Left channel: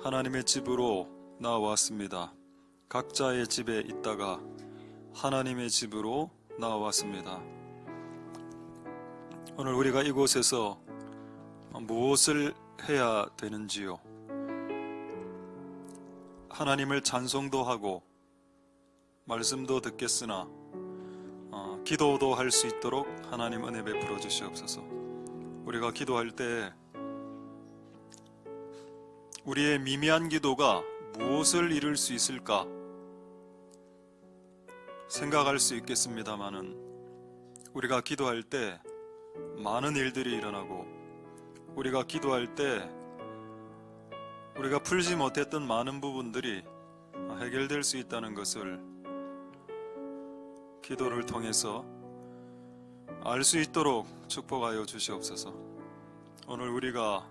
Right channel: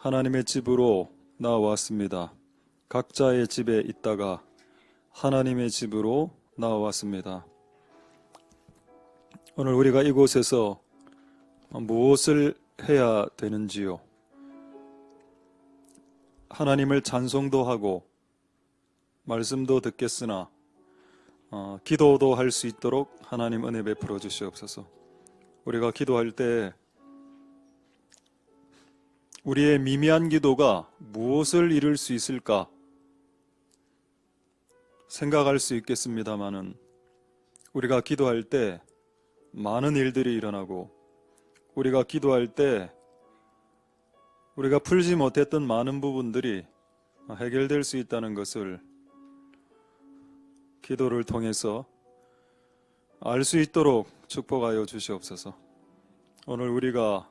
하나님의 집으로 나왔습니다. 각자의 집에 있다가 하나님의 집으로 나왔습니다. 오늘 우리가 이곳에서 무엇을 해야 되는지요? 하나님을 찬송도 하고 말씀도 듣겠으나 기도도 할 수 있도록 하나님 은혜 베풀어 주시옵소서. 우리가 기도할 때 우리의 미미한 기도가 무엇을 이룰 수 있을까 생각할 수 있겠습니다마는 우리가 기도할 때 많은 일들이 일어나고 우리가 기도할 때 우리가 풀지 못했던 많은 부분들이 해결될 수 있다는 것을 기도를 통해서 알 수 있도록 축복하여 주시옵소서. 오늘 우리가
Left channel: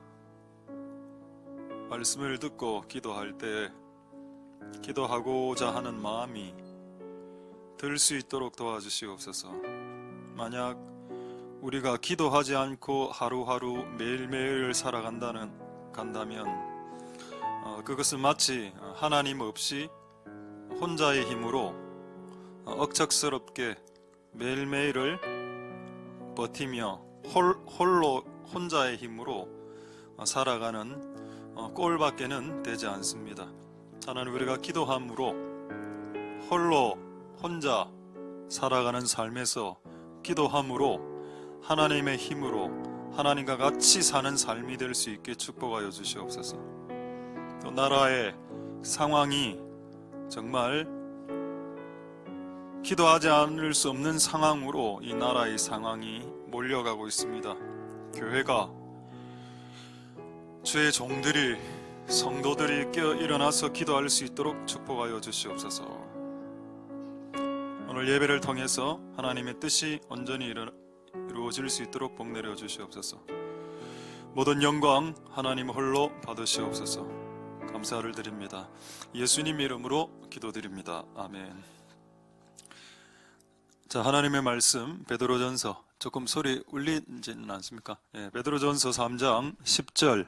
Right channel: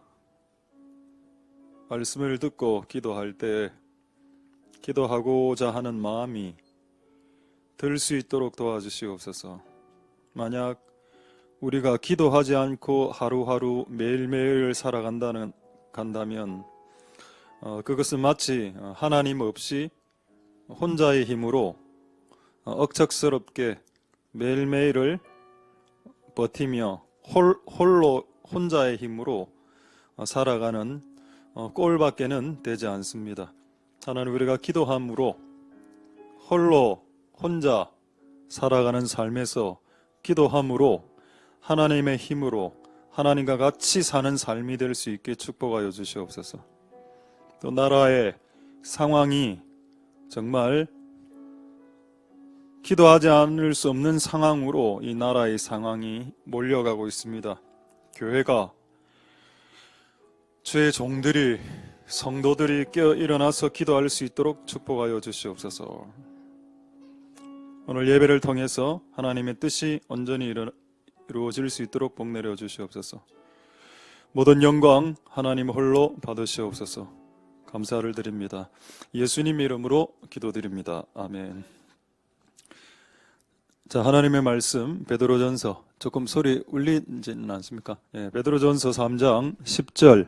말씀을 듣고 기도할 때 기도하고자 하는 마음이 들 수 있도록 도와주시옵소서. 만약 우리가 기도하지 않고 하루하루 매일매일 살아간다면 그것은 마치 하나님 없이 혼자의 힘으로 억척스럽게 매일매일을 버티며 홀로 혼자의 힘으로 살아가는 꼴밖에는 되지 않습니다. 하나님, 우리가 기도함으로 홀로 혼자 살아가는 삶에서 기도함으로 하나님의 힘으로 하나님과 같이 사는 삶이 될 수 있게 축복하여 주시옵소서. 또 나라의 상황이 정말 기도하지 않을 수 없는 상황으로 이 나라의 상황이 몰려가고 있습니다. 교회가 주의 종들이 성도들이 깨어 일어나서 기도할 수 있도록 축복하여 주시옵소서. 오늘 예배를 통해서 하나님의 뜻이 온전히 이루어질 수 있도록 복 내려 주시옵소서. 모든 영광 하나님 홀로 받으시옵소서. 감사를 드립니다. 예수님 이름으로 기도드립니다. 아멘. 자, 하나님의 말씀 베드로전서, 조금 소리 울리지는 않습니까? 예, 베드로전서 3장 10절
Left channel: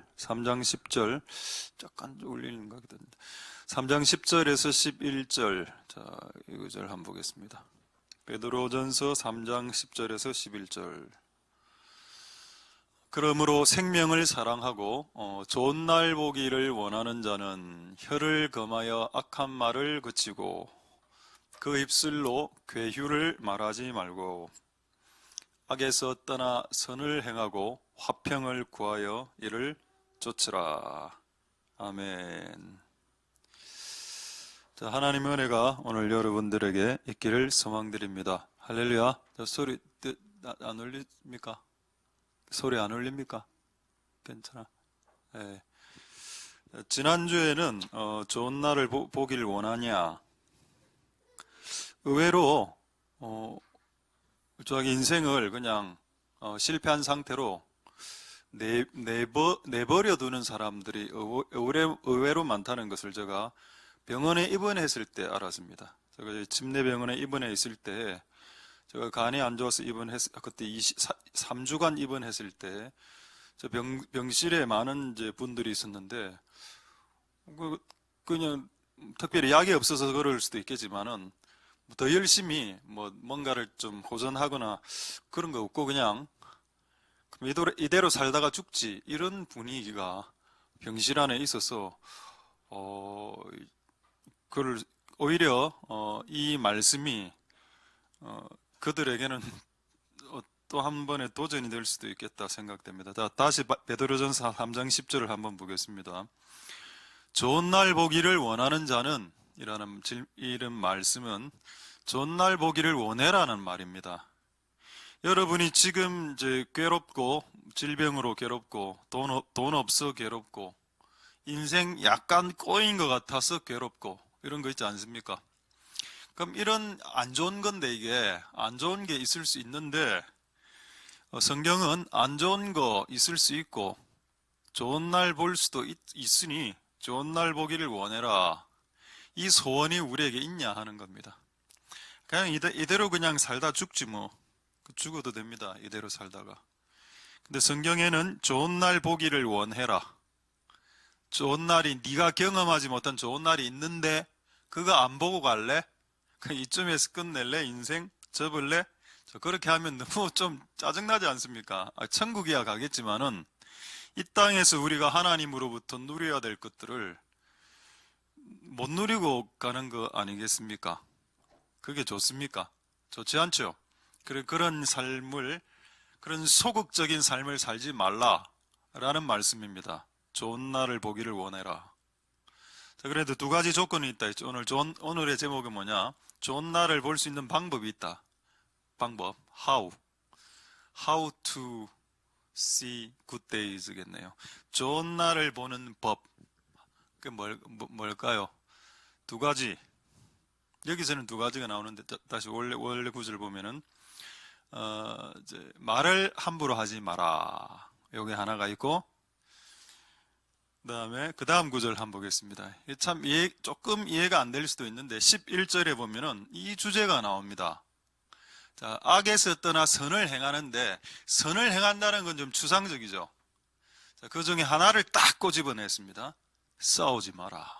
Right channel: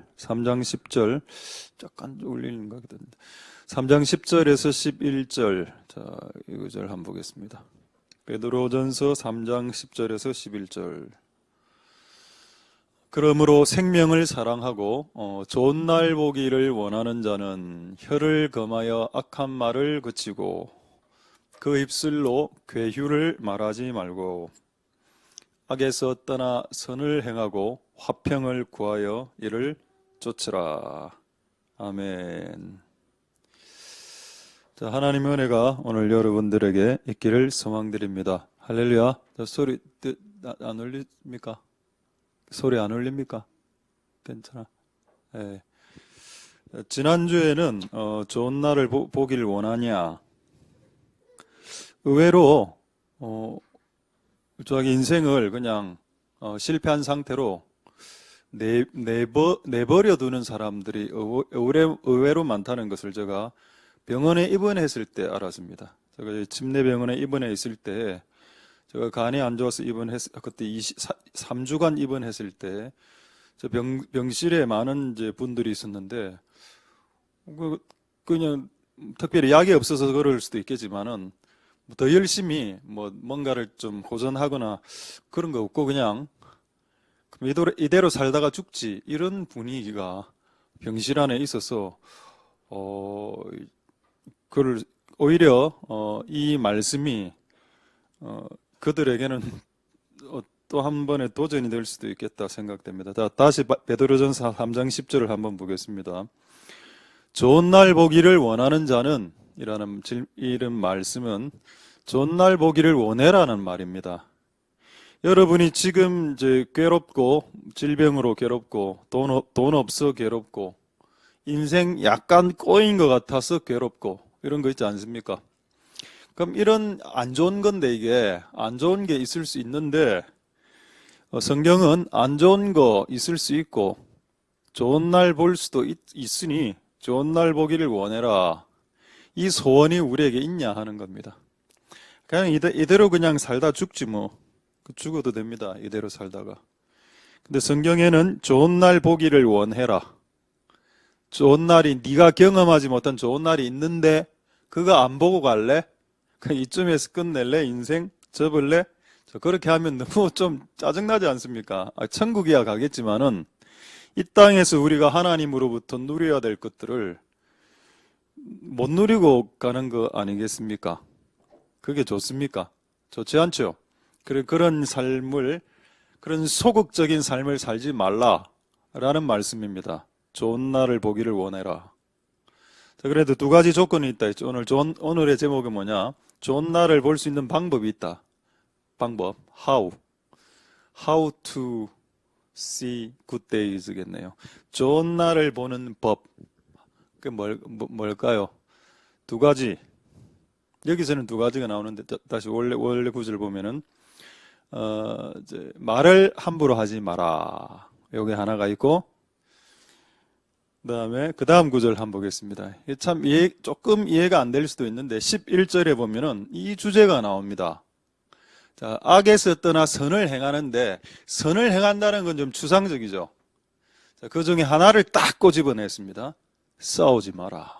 약간 울리는 것 같은데 3장 10절에서 11절, 자, 이 구절 한번 보겠습니다. 베드로전서 3장 10절에서 11절. 그러므로 생명을 사랑하고 좋은 날 보기를 원하는 자는 혀를 금하여 악한 말을 그치고 그 입술로 괴휴를 말하지 말고 악에서 떠나 선을 행하고 화평을 구하여 이를 쫓으라. 아멘. 자, 하나님의 은혜가 오늘 여러분들에게 있기를 소망드립니다. 할렐루야. 소리 안 울립니까? 소리 안 울립니까? 괜찮아. 네. 지난주에는 좋은 날을 보길 원하냐, 의외로 자기 인생을 그냥 실패한 상태로 내버려 두는 사람들이 의외로 많다는 것을 제가 병원에 입원했을 때 알았습니다. 제가 침례병원에 입원해 있을 때, 제가 간이 안 좋아서 그때 3주간 입원했을 때 저 병실에 많은 이제 분들이 있었는데 그냥 특별히 약이 없어서 그럴 수도 있겠지만은 더 열심히 뭔가를 좀 호전하거나 그런 거 없고 그냥 이대로 살다가 죽지, 이런 분위기가 병실 안에 있어서 그걸 오히려 이 말씀이 그들에게는 또 한 번의 도전이 될 수도 있겠다 생각됩니다. 다시 베드로전서 3장 10절을 한번 보겠습니다. 좋은 날 보기를 원하는 자는, 이런 말씀은 좋은 날 보기를 원해라는 말입니다. 여러분이 지금 이제 괴롭고, 질병으로 괴롭고, 돈 없어 괴롭고, 인생 약간 꼬인 것 같아서 괴롭고, 이런 거 있지 않습니까? 그럼 이런 안 좋은 건데, 이게 안 좋은 게 있을 수 있는데, 성경은 안 좋은 거 있을 수 있고 좋은 날 볼 수도 있으니 좋은 날 보기를 원해라. 이 소원이 우리에게 있냐 하는 겁니다. 그냥 이대로 그냥 살다 죽지 뭐. 죽어도 됩니다. 이대로 살다가. 근데 성경에는 좋은 날 보기를 원해라. 좋은 날이 네가 경험하지 못한 좋은 날이 있는데 그거 안 보고 갈래? 그냥 이쯤에서 끝낼래? 인생 접을래? 그렇게 하면 너무 좀 짜증나지 않습니까? 천국이야 가겠지만은 이 땅에서 우리가 하나님으로부터 누려야 될 것들을 못 누리고 가는 거 아니겠습니까? 그게 좋습니까? 좋지 않죠? 그런 삶을, 그런 소극적인 삶을 살지 말라라는 말씀입니다. 좋은 날을 보기를 원해라. 자, 그래도 두 가지 조건이 있다 했죠. 오늘의 제목은 뭐냐? 좋은 날을 볼 수 있는 방법이 있다. 방법. How to see good days겠네요. 좋은 날을 보는 법. 그 뭘까요? 두 가지. 여기서는 두 가지가 나오는데 다시 원래 구절 보면은 이제 말을 함부로 하지 마라. 여기 하나가 있고 그다음에 그 다음 구절 한번 보겠습니다. 이게 참 조금 이해가 안 될 수도 있는데 11절에 보면은 이 주제가 나옵니다. 자, 악에서 떠나 선을 행하는데 선을 행한다는 건 좀 추상적이죠. 자, 그 중에 하나를 딱 꼬집어냈습니다. 싸우지 마라.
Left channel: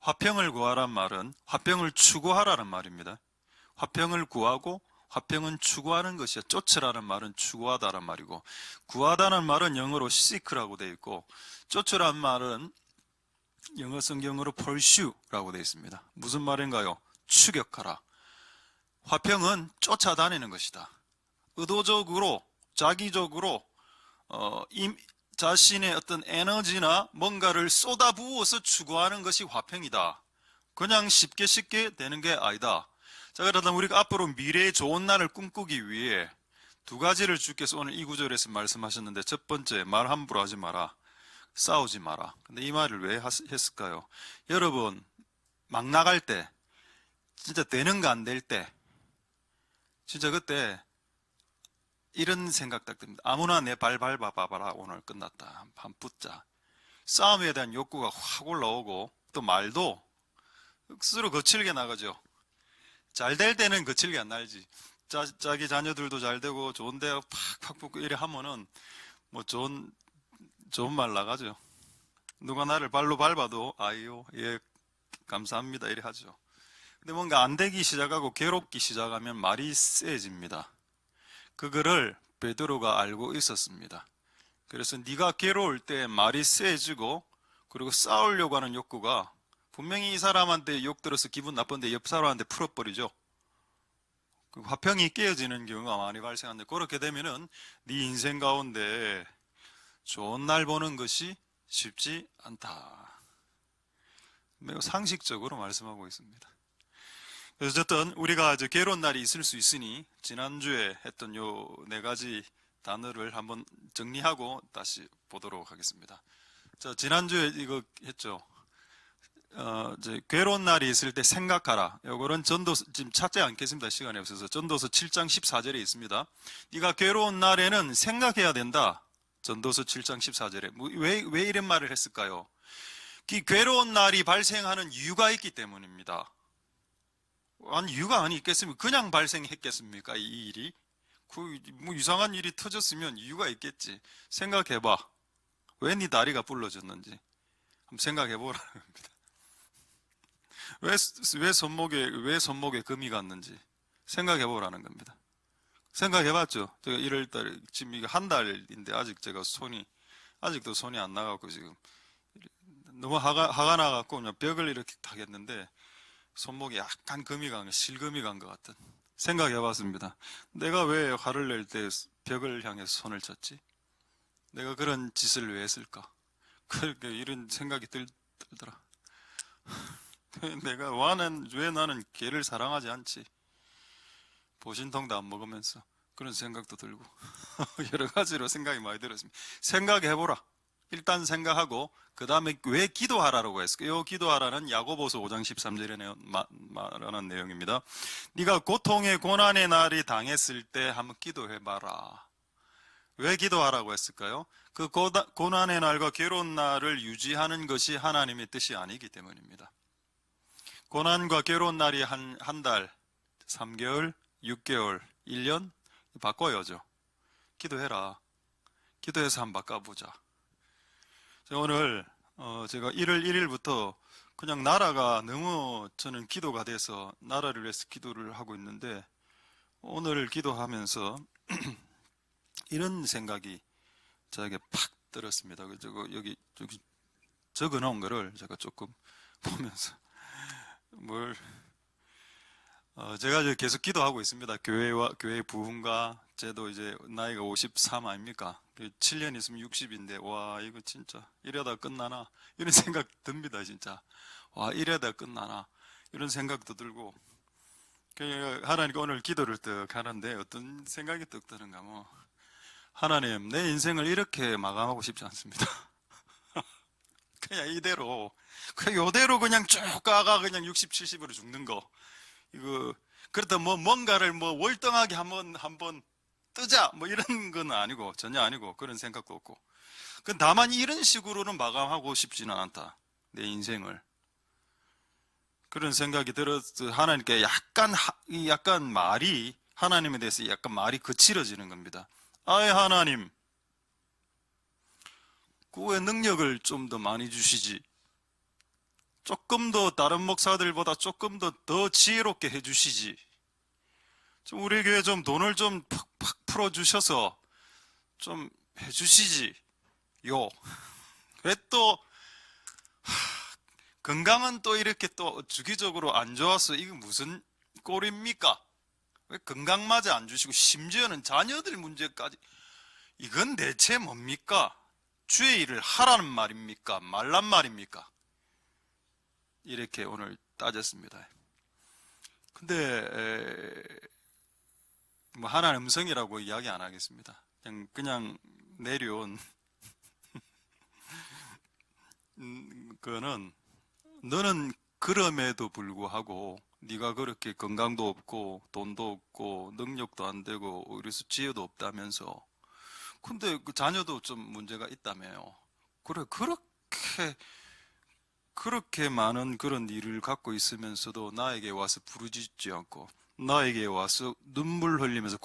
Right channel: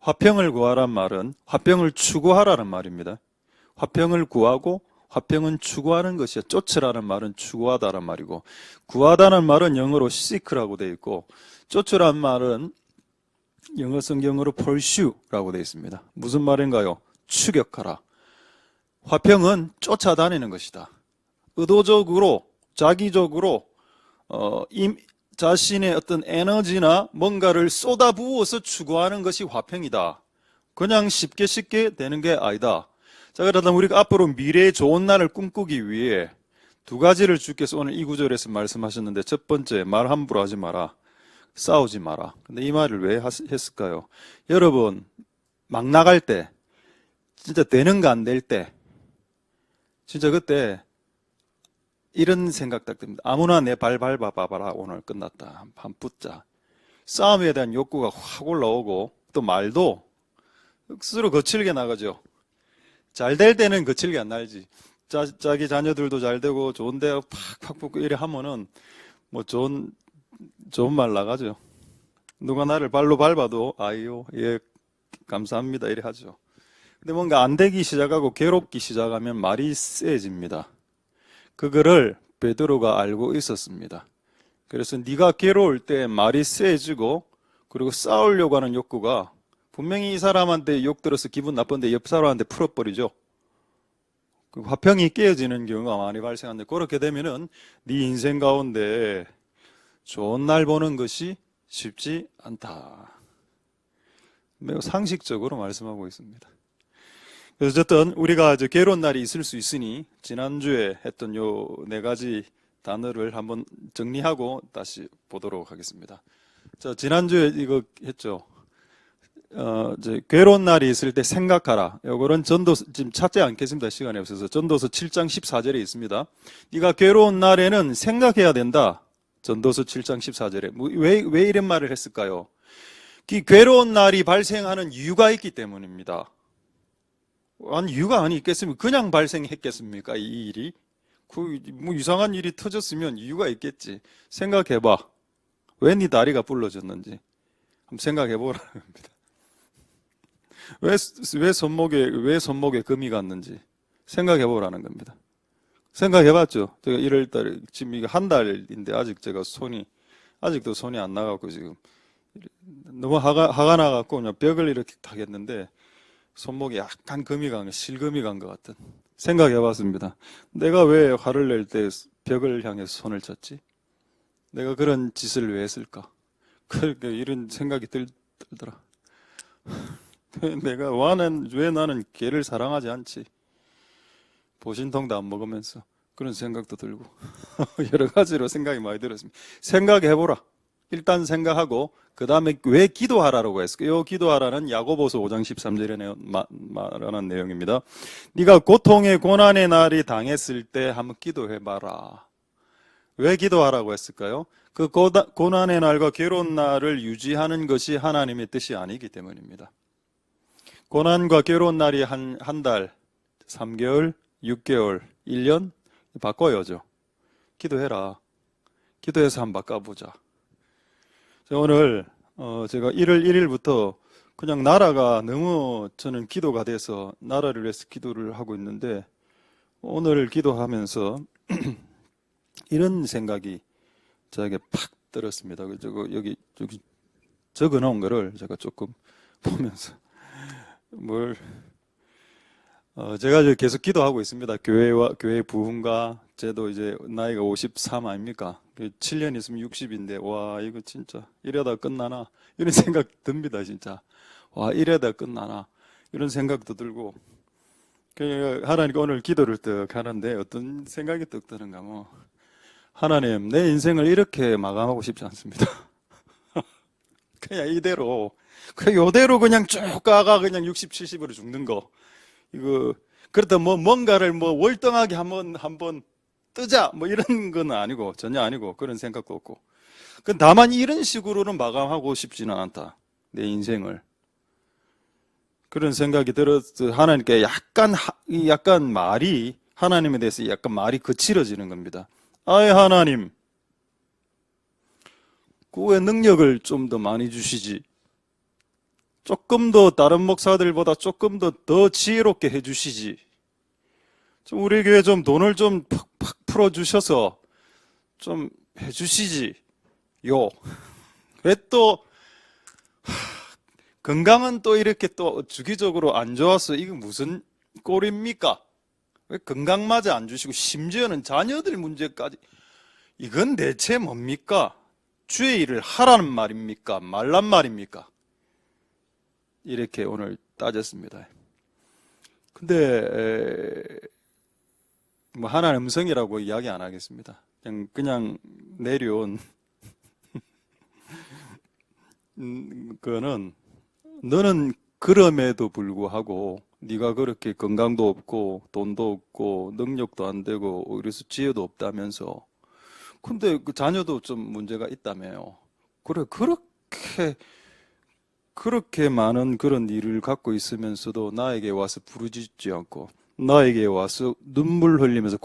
화평을 구하란 말은 화평을 추구하라는 말입니다. 화평을 구하고 화평은 추구하는 것이야. 쫓으라는 말은 추구하다란 말이고 구하다는 말은 영어로 seek라고 되어 있고 쫓으라는 말은 영어 성경으로 pursue라고 되어 있습니다. 무슨 말인가요? 추격하라. 화평은 쫓아다니는 것이다. 의도적으로 자기적으로 자신의 어떤 에너지나 뭔가를 쏟아부어서 추구하는 것이 화평이다. 그냥 쉽게 되는 게 아니다. 자, 그러다 우리가 앞으로 미래의 좋은 날을 꿈꾸기 위해 두 가지를 주께서 오늘 이 구절에서 말씀하셨는데 첫 번째, 말 함부로 하지 마라. 싸우지 마라. 근데 이 말을 왜 했을까요? 여러분, 막 나갈 때, 진짜 되는가 안 될 때, 진짜 그때 이런 생각 딱 듭니다. 아무나 내 발 밟아봐라. 오늘 끝났다. 한 붙자. 싸움에 대한 욕구가 확 올라오고 또 말도 억수로 거칠게 나가죠. 잘 될 때는 거칠게 안 날지. 자기 자녀들도 잘 되고 좋은 데 팍팍 붙고 이래 하면은 뭐 좋은 말 나가죠. 누가 나를 발로 밟아도 아이요, 예, 감사합니다 이래 하죠. 근데 뭔가 안 되기 시작하고 괴롭기 시작하면 말이 세집니다. 그거를 베드로가 알고 있었습니다. 그래서 네가 괴로울 때 말이 세지고 그리고 싸우려고 하는 욕구가 분명히 이 사람한테 욕 들어서 기분 나쁜데 옆 사람한테 풀어버리죠. 그 화평이 깨어지는 경우가 많이 발생하는데 그렇게 되면은 네 인생 가운데 좋은 날 보는 것이 쉽지 않다. 매우 상식적으로 말씀하고 있습니다. 그래서 어쨌든 우리가 이제 괴로운 날이 있을 수 있으니 지난주에 했던 요 네 가지 단어를 한번 정리하고 다시 보도록 하겠습니다. 자, 지난주에 이거 했죠. 이제 괴로운 날이 있을 때 생각하라. 요거는 전도서 지금 찾지 않겠습니다. 시간이 없어서 전도서 7장 14절에 있습니다. 네가 괴로운 날에는 생각해야 된다. 전도서 7장 14절에 왜 이런 말을 했을까요? 그 괴로운 날이 발생하는 이유가 있기 때문입니다. 아니 이유가 아니 있겠습니까? 그냥 발생했겠습니까? 이 일이 뭐 이상한 일이 터졌으면 이유가 있겠지. 생각해봐. 왜 네 다리가 부러졌는지 한번 생각해보라는 겁니다. 왜 손목에 금이 갔는지 생각해보라는 겁니다. 생각해봤죠? 제가 1월달에 지금 이게 한 달인데 제가 아직도 손이 안 나가고 지금 너무 화가 나갖고 그냥 벽을 이렇게 타겠는데 손목에 약간 실금이 간 것 같은 생각해봤습니다. 내가 왜 화를 낼 때 벽을 향해서 손을 쳤지? 내가 그런 짓을 왜 했을까? 그러니까 이런 생각이 들더라. 왜 나는 개를 사랑하지 않지? 보신통도 안 먹으면서 그런 생각도 들고 여러 가지로 생각이 많이 들었습니다. 생각해보라. 일단 생각하고 그 다음에 왜 기도하라고 했을까요? 기도하라는 야고보서 5장 13절에 말하는 내용입니다. 네가 고통의 고난의 날이 당했을 때 한번 기도해봐라. 왜 기도하라고 했을까요? 그 고난의 날과 괴로운 날을 유지하는 것이 하나님의 뜻이 아니기 때문입니다. 고난과 괴로운 날이 한 달, 3개월, 6개월, 1년 바꿔야죠. 기도해라. 기도해서 한번 바꿔보자. 오늘 제가 1월 1일부터 그냥 나라가 너무 저는 기도가 돼서 나라를 위해서 기도를 하고 있는데 오늘 기도하면서 이런 생각이 저에게 팍 들었습니다. 저거 여기 적어 놓은 거를 제가 조금 보면서 뭘 제가 이제 계속 기도하고 있습니다. 교회 부흥과 저도 이제 나이가 53 아닙니까? 7년 있으면 60인데 와 이거 진짜 이러다 끝나나 이런 생각 듭니다 진짜. 와 이러다 끝나나 이런 생각도 들고 하나님께 오늘 기도를 떡 하는데 어떤 생각이 떡 드는가 뭐 하나님 내 인생을 이렇게 마감하고 싶지 않습니다. 그냥 이대로 요대로 그냥 쭉 가가 그냥 60, 70으로 죽는 거 이거 그렇다 뭐 뭔가를 뭐 월등하게 한번 뜨자 뭐 이런 건 아니고 전혀 아니고 그런 생각도 없고 다만 이런 식으로는 마감하고 싶지는 않다 내 인생을 그런 생각이 들어서 하나님께 약간 말이 하나님에 대해서 약간 말이 거칠어지는 겁니다. 아예 하나님 그 능력을 좀 더 많이 주시지 조금 더 다른 목사들보다 조금 더 지혜롭게 해주시지. 좀 우리 교회 좀 돈을 좀 팍팍 풀어주셔서 좀 해주시지. 왜 또 건강은 또 이렇게 또 주기적으로 안 좋아서 이거 무슨 꼴입니까? 왜 건강마저 안 주시고 심지어는 자녀들 문제까지 이건 대체 뭡니까? 주의 일을 하라는 말입니까? 말란 말입니까? 이렇게 오늘 따졌습니다. 근데 뭐 하나님 음성이라고 이야기 안 하겠습니다. 그냥 내려온 그거는 너는 그럼에도 불구하고 네가 그렇게 건강도 없고 돈도 없고 능력도 안 되고 그래서 지혜도 없다면서 근데 그 자녀도 좀 문제가 있다며요. 그래 그렇게 많은 그런 일을 갖고 있으면서도 나에게 와서 부르짖지 않고 나에게 와서 눈물 흘리면서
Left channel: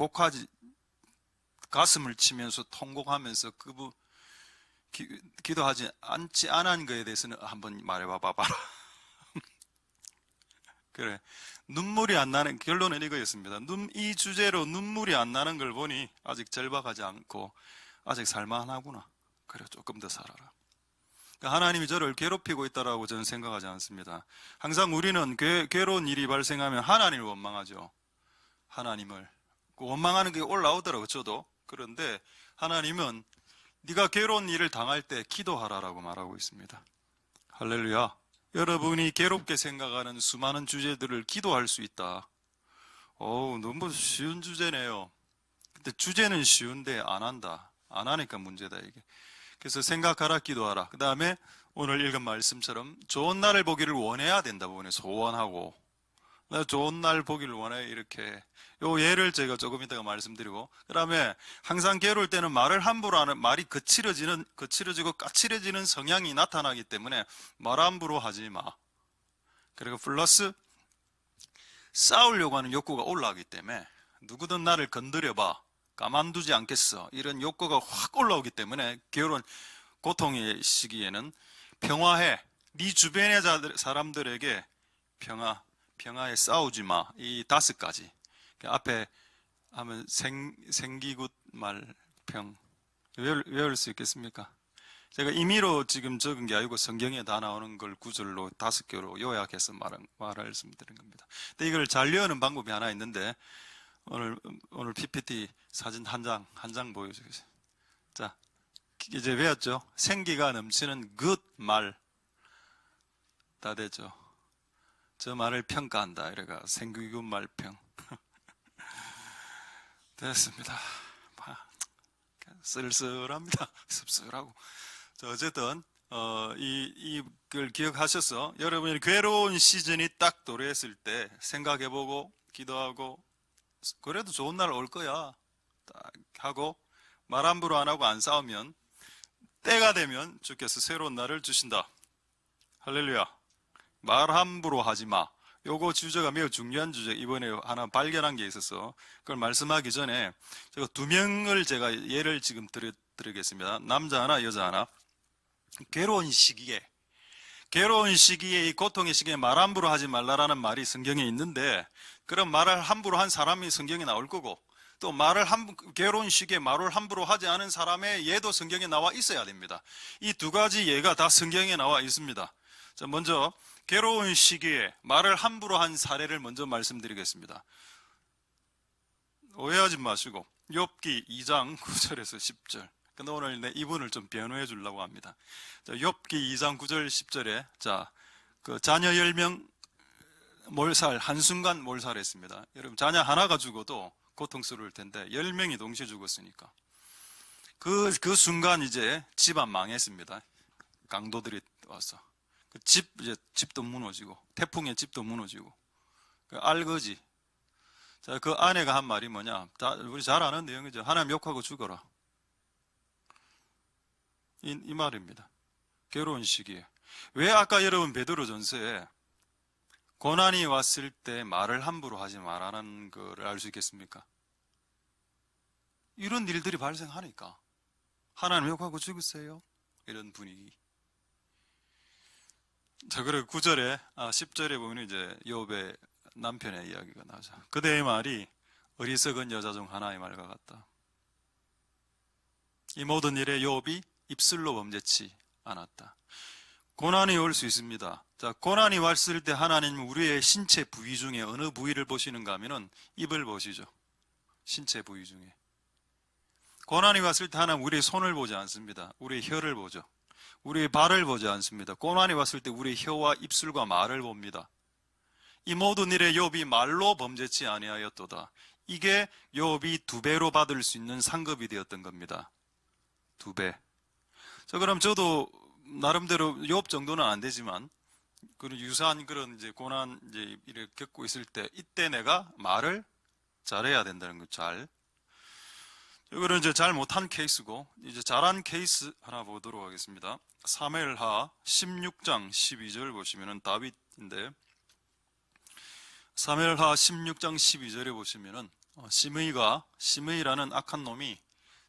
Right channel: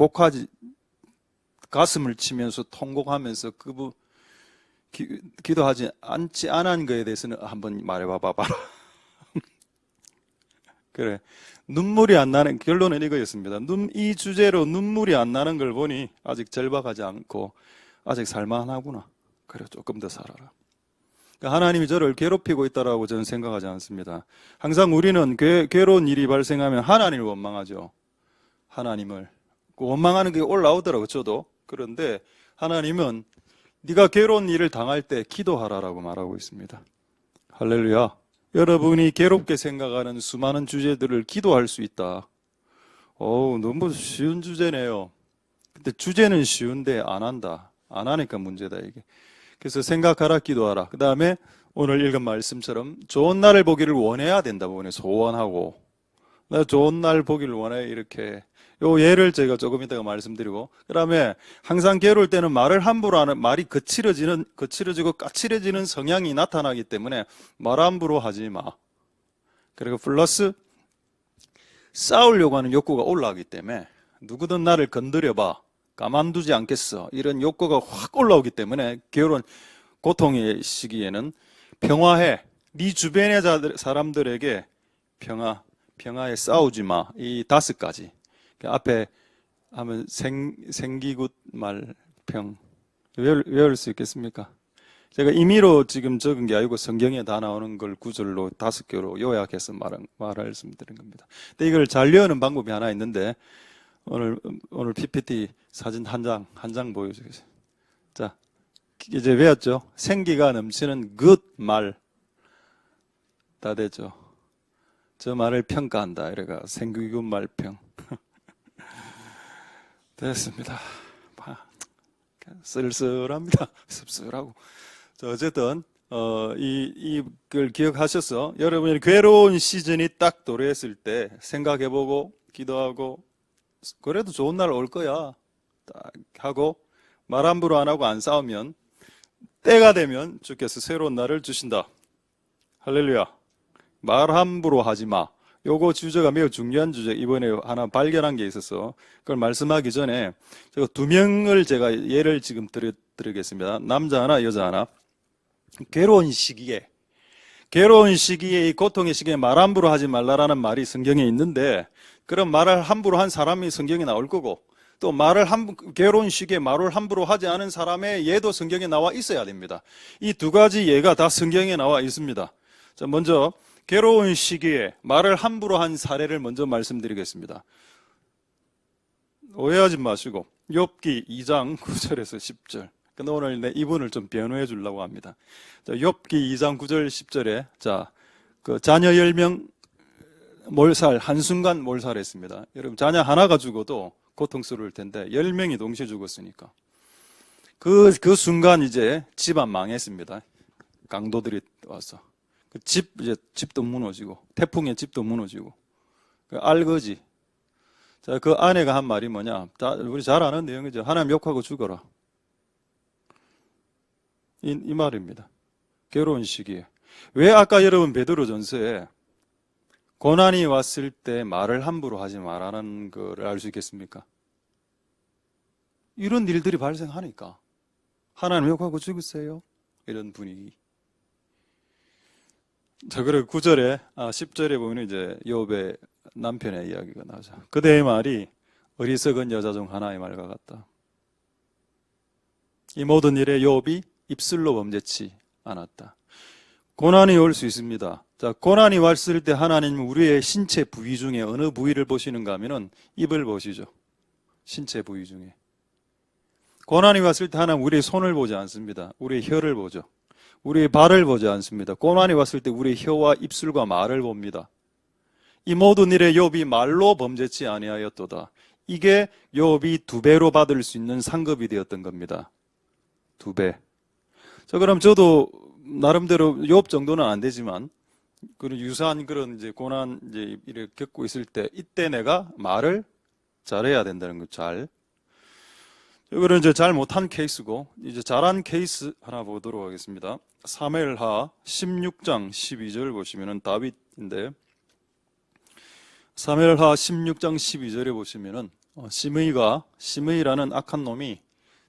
가슴을 치면서 통곡하면서 기도하지 않지 않은 거에 대해서는 한번 말해봐 봐라. 그래 눈물이 안 나는 결론은 이거였습니다. 이 주제로 눈물이 안 나는 걸 보니 아직 절박하지 않고 아직 살만하구나. 그래 조금 더 살아라. 하나님이 저를 괴롭히고 있다라고 저는 생각하지 않습니다. 항상 우리는 괴로운 일이 발생하면 하나님을 원망하죠. 하나님을 원망하는 게 올라오더라고요. 저도. 그런데 하나님은 네가 괴로운 일을 당할 때 기도하라라고 말하고 있습니다. 할렐루야. 여러분이 괴롭게 생각하는 수많은 주제들을 기도할 수 있다. 너무 쉬운 주제네요. 근데 주제는 쉬운데 안 한다. 안 하니까 문제다 이게. 그래서 생각하라 기도하라. 그 다음에 오늘 읽은 말씀처럼 좋은 날을 보기를 원해야 된다고 보네. 소원하고 나 좋은 날 보기를 원해 이렇게 요 예를 제가 조금 이따가 말씀드리고 그 다음에 항상 괴로울 때는 말을 함부로 하는 말이 거칠어지고 까칠해지는 성향이 나타나기 때문에 말 함부로 하지 마. 그리고 플러스 싸우려고 하는 욕구가 올라가기 때문에 누구든 나를 건드려봐 가만두지 않겠어 이런 욕구가 확 올라오기 때문에 괴로운 고통의 시기에는 평화해 네 주변의 사람들에게 평화에 싸우지 마 이 5가지 앞에 하면 생기굿 말평 외울 수 있겠습니까? 제가 임의로 지금 적은 게 아니고 성경에 다 나오는 걸 구절로 5개로 요약해서 말씀드린 겁니다. 근데 이걸 잘 외우는 방법이 하나 있는데 오늘 PPT 사진 한 장 보여주겠습니다. 자, 이제 외웠죠? 생기가 넘치는 good 말 다 되죠. 저 말을 평가한다. 이래가 생기굿 말평 됐습니다. 쓸쓸합니다. 씁쓸하고. 어쨌든 이걸 기억하셔서 여러분이 괴로운 시즌이 딱 도래했을 때 생각해보고 기도하고 그래도 좋은 날 올 거야 딱 하고 말 함부로 안 하고 안 싸우면 때가 되면 주께서 새로운 날을 주신다. 할렐루야. 말 함부로 하지 마. 요거 주제가 매우 중요한 주제. 이번에 하나 발견한 게 있어서 그걸 말씀하기 전에 제가 2명을 제가 예를 지금 드리겠습니다. 남자 하나 여자 하나. 괴로운 시기에 이 고통의 시기에 말 함부로 하지 말라라는 말이 성경에 있는데, 그런 말을 함부로 한 사람이 성경에 나올 거고, 또 괴로운 시기에 말을 함부로 하지 않은 사람의 예도 성경에 나와 있어야 됩니다. 이 두 가지 예가 다 성경에 나와 있습니다. 자, 먼저 괴로운 시기에 말을 함부로 한 사례를 먼저 말씀드리겠습니다. 오해하지 마시고 욥기 2장 9절에서 10절. 근데 오늘 이분을 좀 변호해 주려고 합니다. 자, 욥기 2장 9절 10절에 그 자녀 10명 몰살, 한순간 몰살했습니다. 여러분, 자녀 하나가 죽어도 고통스러울 텐데 10명이 동시에 죽었으니까 그 순간 이제 집안 망했습니다. 강도들이 와서 이제 집도 무너지고, 태풍에 집도 무너지고, 알거지. 자, 그 아내가 한 말이 뭐냐? 우리 잘 아는 내용이죠. 하나님 욕하고 죽어라. 이 말입니다. 괴로운 시기에. 왜 아까 여러분 베드로전서에 고난이 왔을 때 말을 함부로 하지 말라는 걸 알 수 있겠습니까? 이런 일들이 발생하니까. 하나님 욕하고 죽으세요. 이런 분위기. 자, 그리고 9절에, 10절에 보면 이제 욥의 남편의 이야기가 나오죠. 그대의 말이 어리석은 여자 중 하나의 말과 같다. 이 모든 일에 욥이 입술로 범죄치 않았다. 고난이 올 수 있습니다. 자, 고난이 왔을 때 하나님은 우리의 신체 부위 중에 어느 부위를 보시는가 하면은 입을 보시죠. 신체 부위 중에. 고난이 왔을 때 하나님은 우리의 손을 보지 않습니다. 우리의 혀를 보죠. 우리의 발을 보지 않습니다. 고난이 왔을 때 우리의 혀와 입술과 말을 봅니다. 이 모든 일에 욥이 말로 범죄치 아니하였도다. 이게 욥이 2배로 받을 수 있는 상급이 되었던 겁니다. 2배. 자, 그럼 저도 나름대로 욥 정도는 안 되지만 그런 유사한 그런 이제 고난 이제 이렇게 겪고 있을 때 이때 내가 말을 잘해야 된다는 거. 잘. 이거는 이제 잘 못한 케이스고, 이제 잘한 케이스 하나 보도록 하겠습니다. 사무엘하 16장 12절 보시면은 다윗인데, 사무엘하 16장 12절에 보시면은 시므이라는 악한 놈이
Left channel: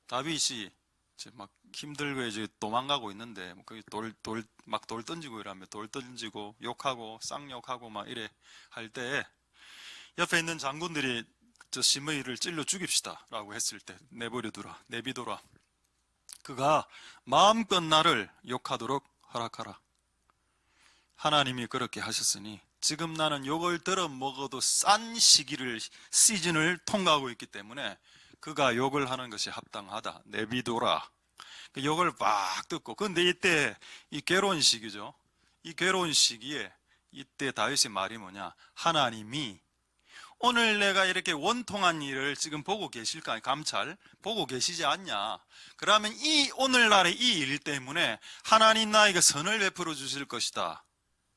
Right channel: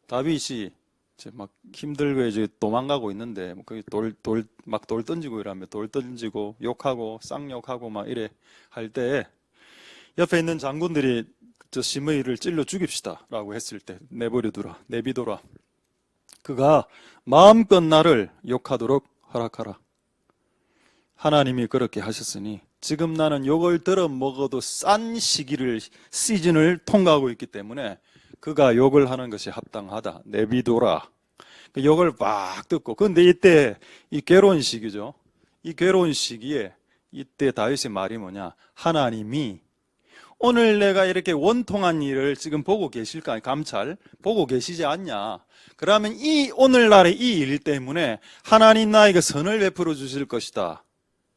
다윗이 이제 막 힘들고 이제 도망가고 있는데 거기 돌 던지고 이러면 돌 던지고 욕하고 쌍욕하고 막 이래 할 때 옆에 있는 장군들이 저 시므이를 찔러 죽입시다라고 했을 때 내비둬라. 그가 마음껏 나를 욕하도록 허락하라. 하나님이 그렇게 하셨으니 지금 나는 욕을 들어 먹어도 싼 시즌을 통과하고 있기 때문에 그가 욕을 하는 것이 합당하다. 내비둬라. 그 욕을 막 듣고. 그런데 이때 이 괴로운 시기죠. 이 괴로운 시기에 이때 다윗의 말이 뭐냐? 하나님이 오늘 내가 이렇게 원통한 일을 지금 보고 계실까? 감찰 보고 계시지 않냐? 그러면 이 오늘날의 이 일 때문에 하나님 나에게 선을 베풀어 주실 것이다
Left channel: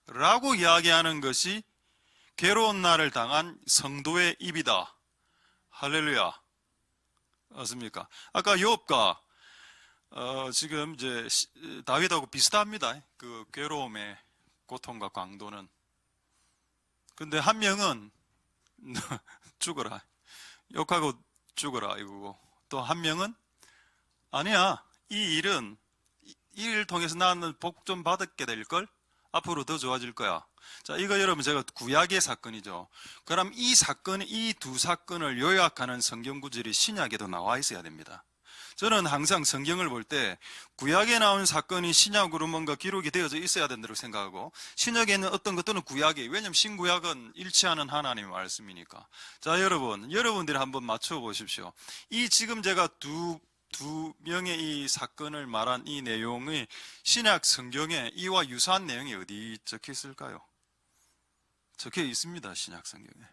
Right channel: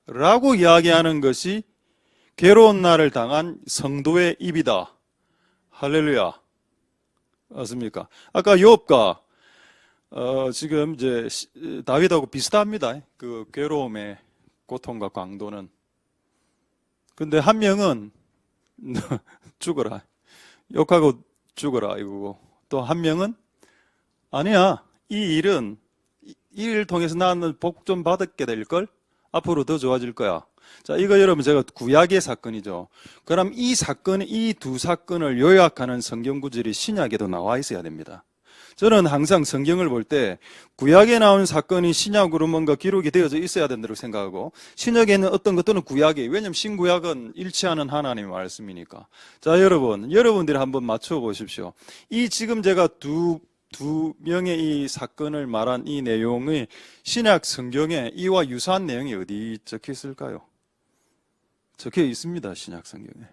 라고 이야기하는 것이 괴로운 날을 당한 성도의 입이다. 할렐루야. 맞습니까? 아까 욥과 지금 이제 다윗하고 비슷합니다. 그 괴로움의 고통과 강도는. 근데 한 명은 죽어라. 욕하고 죽어라 이거고, 또 한 명은 아니야. 이 일을 통해서 나는 복 좀 받게 될 걸. 앞으로 더 좋아질 거야. 자, 이거 여러분 제가 구약의 사건이죠. 그럼 이 두 사건을 요약하는 성경 구절이 신약에도 나와 있어야 됩니다. 저는 항상 성경을 볼 때 구약에 나온 사건이 신약으로 뭔가 기록이 되어져 있어야 된다고 생각하고, 신약에 있는 어떤 것들은 구약이에요. 왜냐하면 신구약은 일치하는 하나님의 말씀이니까. 자, 여러분들이 한번 맞춰 보십시오. 이 지금 제가 두 명의 이 사건을 말한 이 내용의 신약 성경에 이와 유사한 내용이 어디 적혀 있을까요? 적혀 있습니다. 신약 성경에.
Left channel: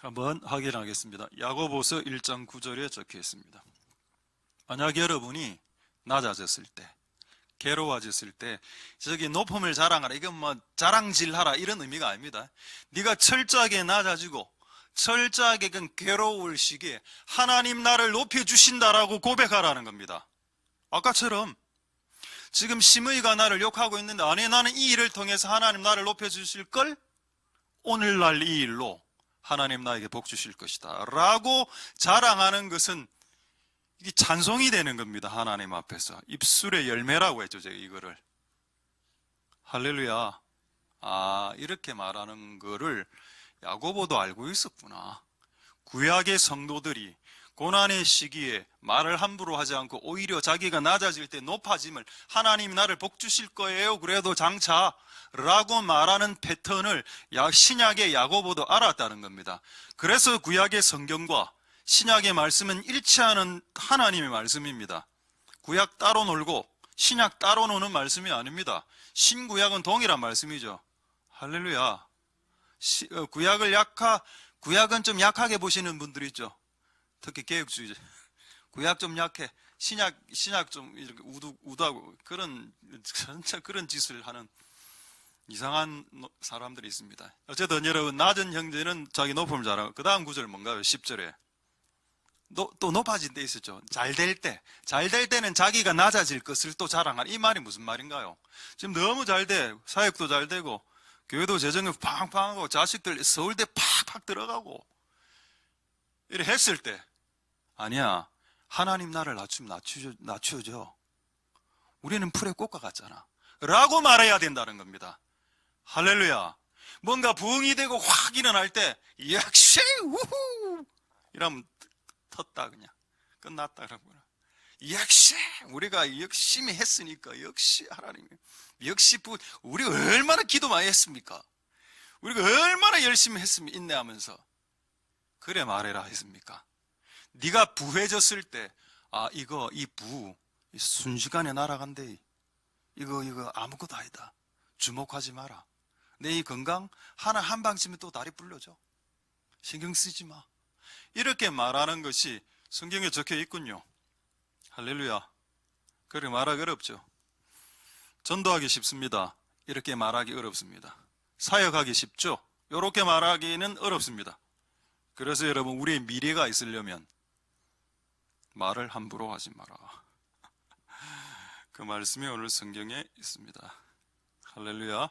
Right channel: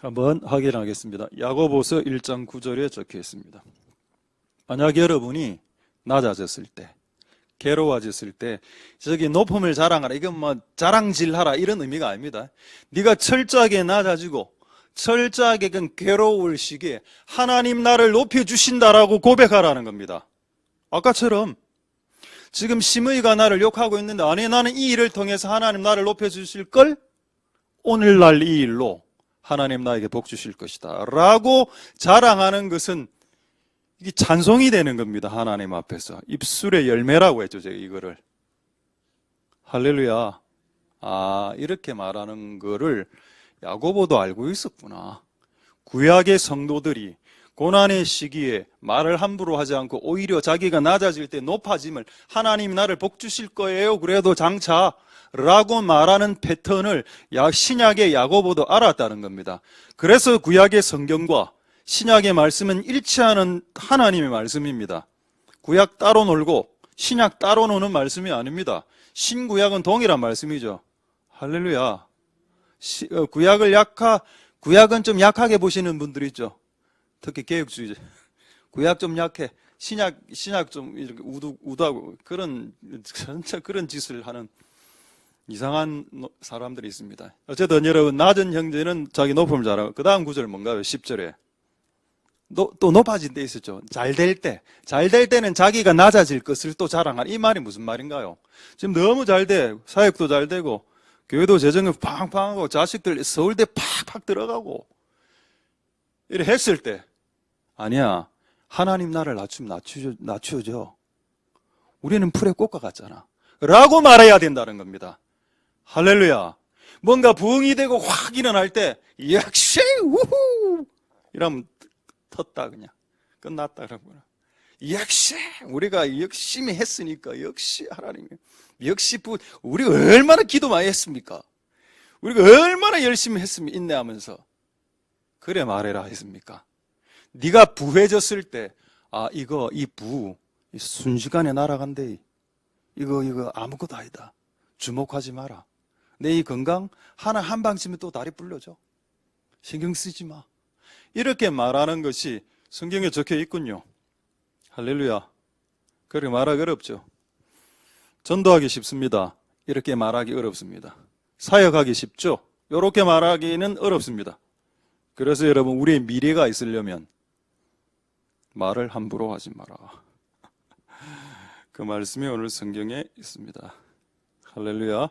한번 확인하겠습니다. 야고보서 1장 9절에 적혀 있습니다. 만약 여러분이 낮아졌을 때, 괴로워졌을 때 저기 높음을 자랑하라, 이건 뭐 자랑질하라 이런 의미가 아닙니다. 네가 철저하게 낮아지고 철저하게 그 괴로울 시기에 하나님 나를 높여주신다라고 고백하라는 겁니다. 아까처럼 지금 시므이가 나를 욕하고 있는데, 아니 나는 이 일을 통해서 하나님 나를 높여주실 걸, 오늘날 이 일로 하나님 나에게 복 주실 것이다 라고 자랑하는 것은 이게 찬송이 되는 겁니다. 하나님 앞에서. 입술의 열매라고 했죠, 제가 이거를. 할렐루야. 아, 이렇게 말하는 거를 야고보도 알고 있었구나. 구약의 성도들이 고난의 시기에 말을 함부로 하지 않고 오히려 자기가 낮아질 때 높아짐을, 하나님이 나를 복 주실 거예요, 그래도 장차 라고 말하는 패턴을 신약의 야고보도 알았다는 겁니다. 그래서 구약의 성경과 신약의 말씀은 일치하는 하나님의 말씀입니다. 구약 따로 놀고 신약 따로 노는 말씀이 아닙니다. 신구약은 동일한 말씀이죠. 할렐루야. 구약은 좀 약하게 보시는 분들 있죠. 특히 개혁주의자. 구약 좀 약해. 신약 좀 이렇게 우도하고 진짜 그런 짓을 하는 이상한 사람들이 있습니다. 어쨌든 여러분, 낮은 형제는 자기 높음을 잘하고, 그 다음 구절 뭔가요? 10절에. 또 높아진 데 있었죠. 잘 될 때는 자기가 낮아질 것을 또 자랑하는, 이 말이 무슨 말인가요? 지금 너무 잘 돼. 사역도 잘 되고, 교회도 재정이 팡팡하고, 자식들 서울대 팍팍 들어가고, 이래 했을 때, 아니야, 하나님 나를 낮추어줘. 우리는 풀의 꽃과 같잖아 라고 말해야 된다는 겁니다. 할렐루야. 뭔가 부흥이 되고 확 일어날 때, 역시 우후 이러면 텄다, 그냥 끝났다 그러구나. 역시 우리가 열심히 했으니까, 역시 하나님, 역시 우리가 얼마나 기도 많이 했습니까? 우리가 얼마나 열심히 했으면 인내하면서. 그래 말해라 했습니까? 네가 부해졌을 때, 아, 이 순식간에 날아간대. 이거 아무것도 아니다. 주목하지 마라. 내 이 건강 하나 한 방 치면 또 다리 불려져. 신경 쓰지 마. 이렇게 말하는 것이 성경에 적혀 있군요. 할렐루야. 그렇게 말하기 어렵죠. 전도하기 쉽습니다. 이렇게 말하기 어렵습니다. 사역하기 쉽죠. 이렇게 말하기는 어렵습니다. 그래서 여러분, 우리의 미래가 있으려면 말을 함부로 하지 마라. 그 말씀이 오늘 성경에 있습니다. 할렐루야.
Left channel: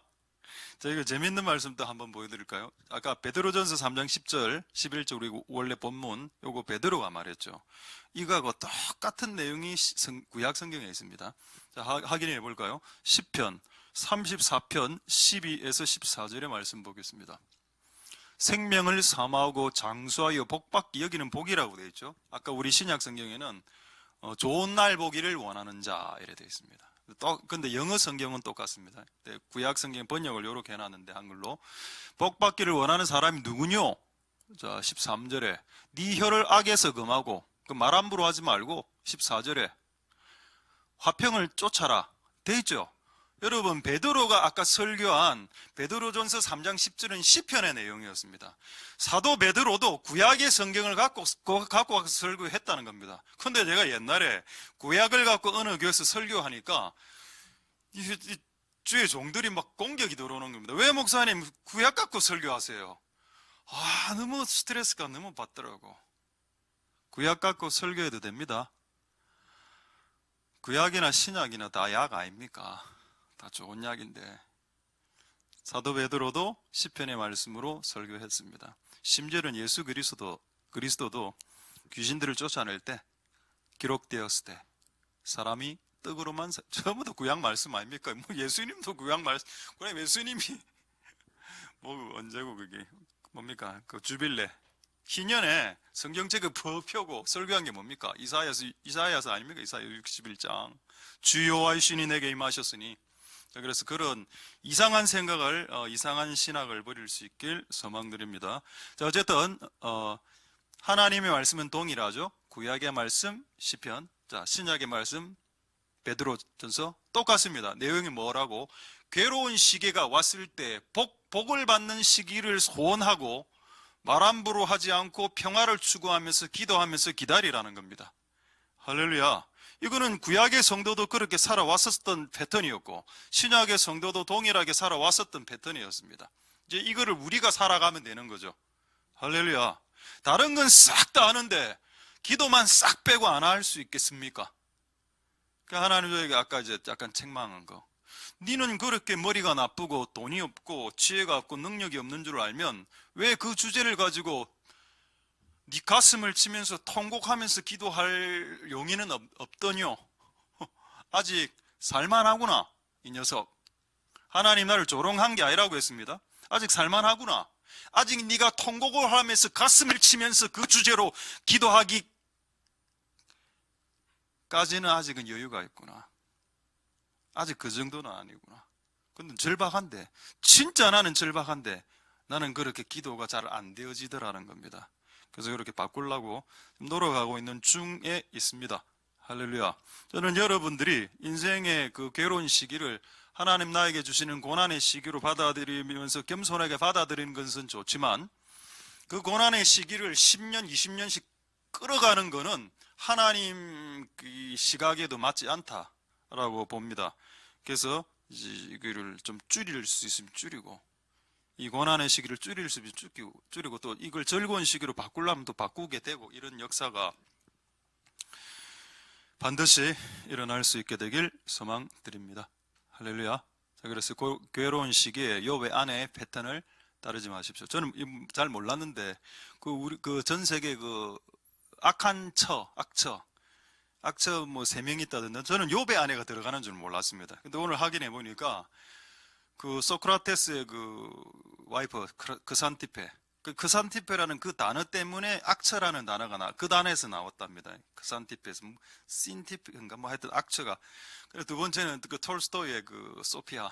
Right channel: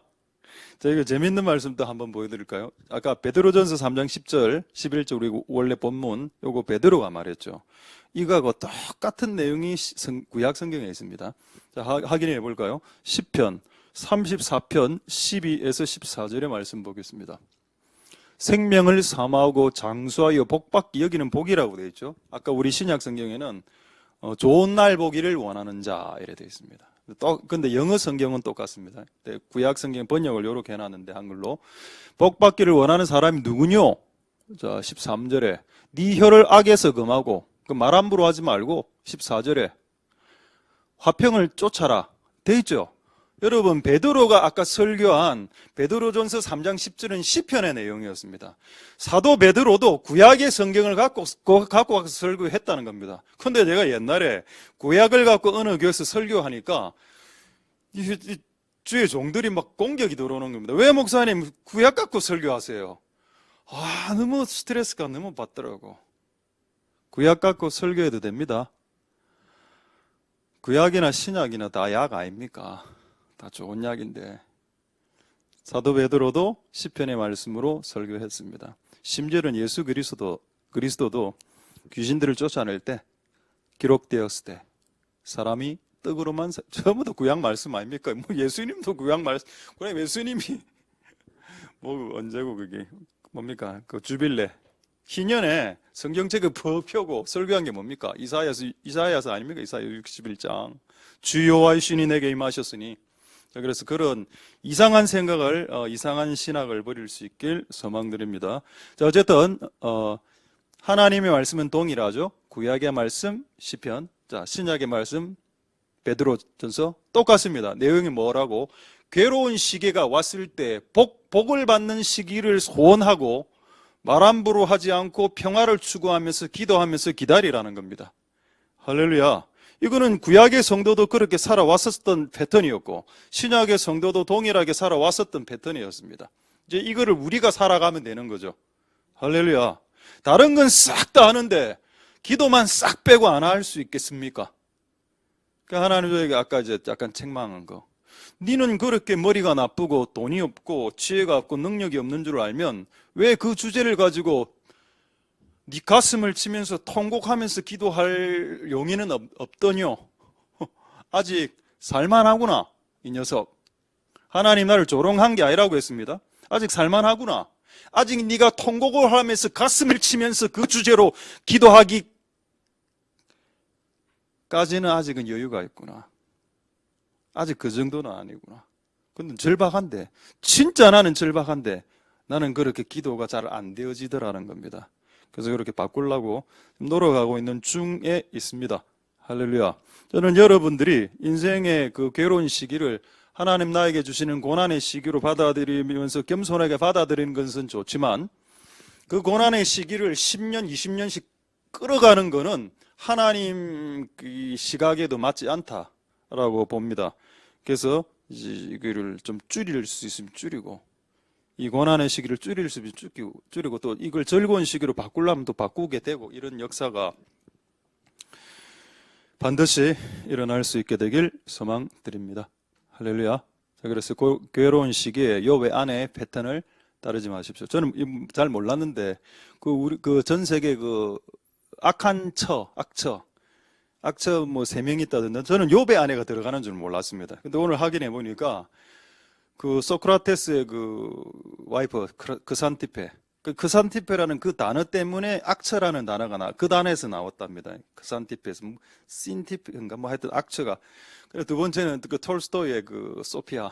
자, 이거 재밌는 말씀도 한번 보여드릴까요? 아까 베드로전서 3장 10절, 11절, 우리 원래 본문, 요거 베드로가 말했죠. 이거하고 똑같은 내용이 구약 성경에 있습니다. 자, 확인해 볼까요? 10편, 34편, 12에서 14절의 말씀 보겠습니다. 생명을 사모하고 장수하여 복받기 여기는 복이라고 되어 있죠. 아까 우리 신약 성경에는 좋은 날 보기를 원하는 자 이래 되어 있습니다. 근데 영어 성경은 똑같습니다. 구약 성경 번역을 이렇게 해놨는데, 한글로 복받기를 원하는 사람이 누구뇨? 자, 13절에 네 혀를 악에서 금하고, 그 말 함부로 하지 말고, 14절에 화평을 쫓아라 돼 있죠. 여러분, 베드로가 아까 설교한 베드로전서 3장 10절은 시편의 내용이었습니다. 사도 베드로도 구약의 성경을 갖고 와서 설교했다는 겁니다. 근데 제가 옛날에 구약을 갖고 어느 교회에서 설교하니까 이 주의 종들이 막 공격이 들어오는 겁니다. 왜 목사님 구약 갖고 설교하세요? 아, 너무 스트레스가 너무 받더라고. 구약 갖고 설교해도 됩니다. 구약이나 신약이나 다 약 아닙니까? 다 좋은 약인데. 사도 베드로도 시편의 말씀으로 설교했습니다. 심지어는 예수 그리스도도 귀신들을 쫓아낼 때, 기록되었을 때 사람이 떡으로만 전부 다 구약 말씀 아닙니까? 뭐 예수님도 구약 말씀. 그럼 예수님이 뭐 언제고 그게 뭡니까? 그 주빌레 희년에 성경책을 펴고 설교한 게 뭡니까? 이사야서 아닙니까? 이사야 61장. 주 여호와의 신이 내게 임하셨으니. 자, 그래서 그런 이상한 생각을, 이상한 신학을 버릴 수 있길 소망드립니다. 자, 어쨌든 하나님의 말씀은 동일하죠. 구약의 말씀 시편, 자, 신약의 말씀 베드로전서 똑같습니다. 내용이 뭐라고? 괴로운 시기가 왔을 때 복을 받는 시기를 소원하고 말 함부로 하지 않고 평화를 추구하면서 기도하면서 기다리라는 겁니다. 할렐루야. 이거는 구약의 성도도 그렇게 살아왔었던 패턴이었고, 신약의 성도도 동일하게 살아왔었던 패턴이었습니다. 이제 이거를 우리가 살아가면 되는 거죠. 할렐루야. 다른 건 싹 다 하는데 기도만 싹 빼고 안 할 수 있겠습니까? 그러니까 하나님 저에게 아까 이제 약간 책망한 거. 니는 그렇게 머리가 나쁘고 돈이 없고 지혜가 없고 능력이 없는 줄 알면 왜 그 주제를 가지고 네 가슴을 치면서 통곡하면서 기도할 용의는 없더뇨. 아직 살만하구나. 이 녀석. 하나님 나를 조롱한 게 아니라고 했습니다. 아직 살만하구나. 아직 네가 통곡을 하면서 가슴을 치면서 그 주제로 기도하기까지는 아직은 여유가 있구나. 아직 그 정도는 아니구나. 근데 절박한데, 진짜 나는 절박한데 나는 그렇게 기도가 잘 안 되어지더라는 겁니다. 그래서 그렇게 바꾸려고 노력하고 있는 중에 있습니다. 할렐루야. 저는 여러분들이 인생의 그 괴로운 시기를 하나님 나에게 주시는 고난의 시기로 받아들이면서 겸손하게 받아들이는 것은 좋지만, 그 고난의 시기를 10년, 20년씩 끌어가는 것은 하나님 그 시각에도 맞지 않다라고 봅니다. 그래서 이거를 좀 줄일 수 있으면 줄이고, 이 고난의 시기를 줄일 수 있으면 줄이고, 또 이걸 즐거운 시기로 바꾸려면 또 바꾸게 되고, 이런 역사가 반드시 일어날 수 있게 되길 소망드립니다. 할렐루야. 자, 그래서 괴로운 시기에 욥의 아내의 패턴을 따르지 마십시오. 저는 잘 몰랐는데 우리 전 세계 악한 악처 뭐 3명이 있다던데, 저는 욥의 아내가 들어가는 줄 몰랐습니다. 근데 오늘 확인해 보니까 그 소크라테스의 그 와이프 크산티페, 그 크산티페라는 그 단어 때문에 악처라는 단어가 그 단어에서 나왔답니다. 크산티페에서 신티페인가 뭐 하여튼 악처가. 그리고 두 번째는 그 톨스토이의 그 소피아.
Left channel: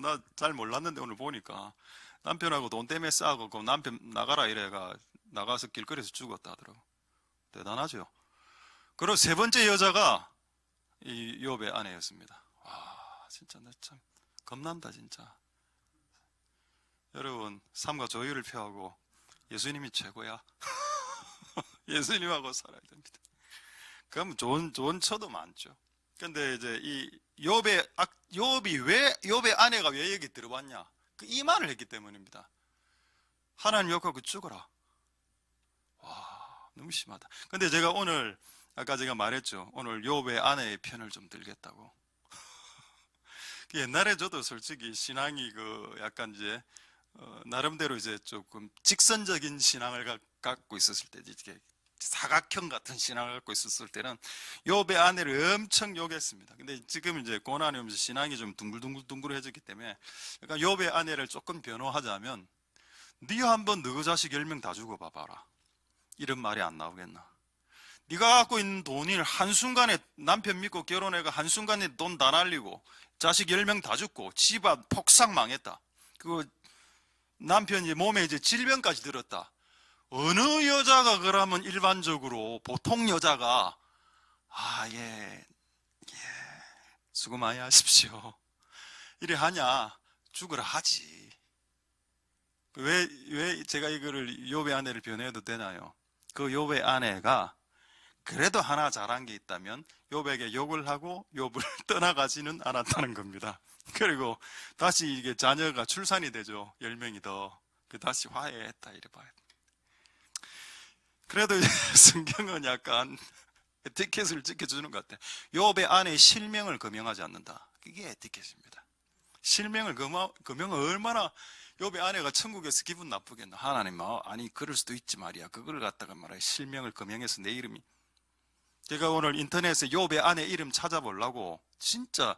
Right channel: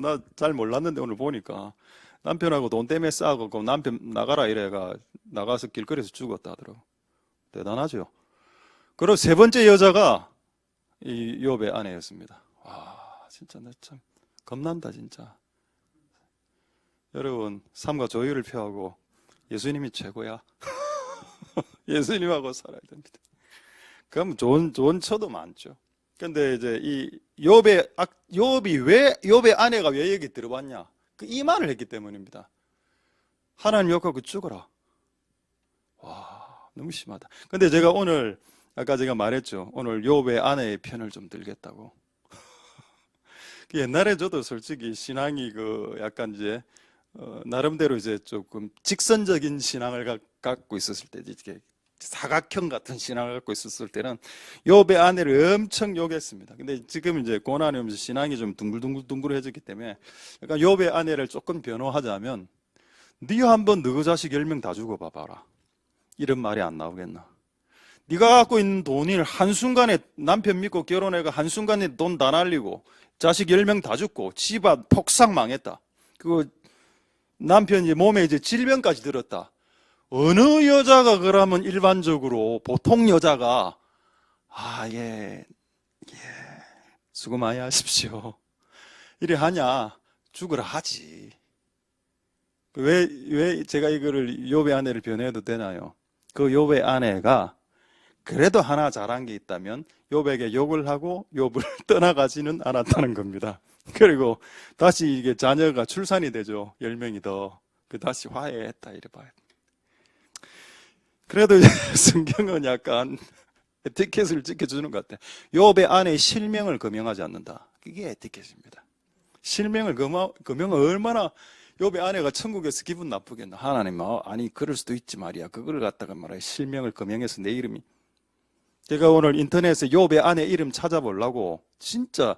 나 잘 몰랐는데 오늘 보니까 남편하고 돈 때문에 싸우고 그 남편 나가라 이래가 나가서 길거리에서 죽었다 하더라고. 대단하죠. 그리고 세 번째 여자가 이 욥의 아내였습니다. 와, 진짜 나 참 겁난다 진짜. 여러분, 삶과 조율을 표하고 예수님이 최고야. 예수님하고 살아야 됩니다. 그럼 좋은 처도 많죠. 근데 이제 이 욥의 아내가 왜 여기 들어왔냐? 이 말을 했기 때문입니다. 하나님 욕하고 죽어라. 와, 너무 심하다. 근데 제가 오늘 아까 제가 말했죠. 오늘 욥의 아내의 편을 좀 들겠다고. 옛날에 저도 솔직히 신앙이 약간 이제 나름대로 이제 조금 직선적인 신앙을 갖고 있었을 때, 이렇게 사각형 같은 신앙을 갖고 있었을 때는 욥의 아내를 엄청 욕했습니다. 근데 지금 이제 고난이 오면서 신앙이 좀 둥글둥글해졌기 때문에 약간 욥의 아내를 조금 변호하자면, 네 한번 너 자식 10명 다 죽어봐봐라. 이런 말이 안 나오겠나? 네가 갖고 있는 돈을 한순간에 남편 믿고 결혼해가 한순간에 돈 다 날리고 자식 10명 다 죽고 집안 폭삭 망했다. 남편이 몸에 이제 질병까지 들었다. 어느 여자가 그러면 일반적으로 보통 여자가 예, 수고 많이 하십시오 이래 하냐? 죽으라 하지. 왜 제가 이거를 욥의 아내를 변해도 되나요? 그 욥의 아내가 그래도 하나 잘한 게 있다면 욥에게 욕을 하고 욥을 떠나가지는 않았다는 겁니다. 그리고 다시 이게 자녀가 출산이 되죠. 10명이 더. 다시 화해했다 이래 봐요. 그래도 성경은 약간 에티켓을 지켜주는 것 같아요. 욥의 아내의 실명을 금명하지 않는다. 그게 에티켓입니다. 실명을 금명은 얼마나 욥의 아내가 천국에서 기분 나쁘겠나. 하나님, 아니 그럴 수도 있지 말이야. 그걸 갖다가 말이야 실명을 금명해서 내 이름이. 제가 오늘 인터넷에 욥의 아내 이름 찾아보려고 진짜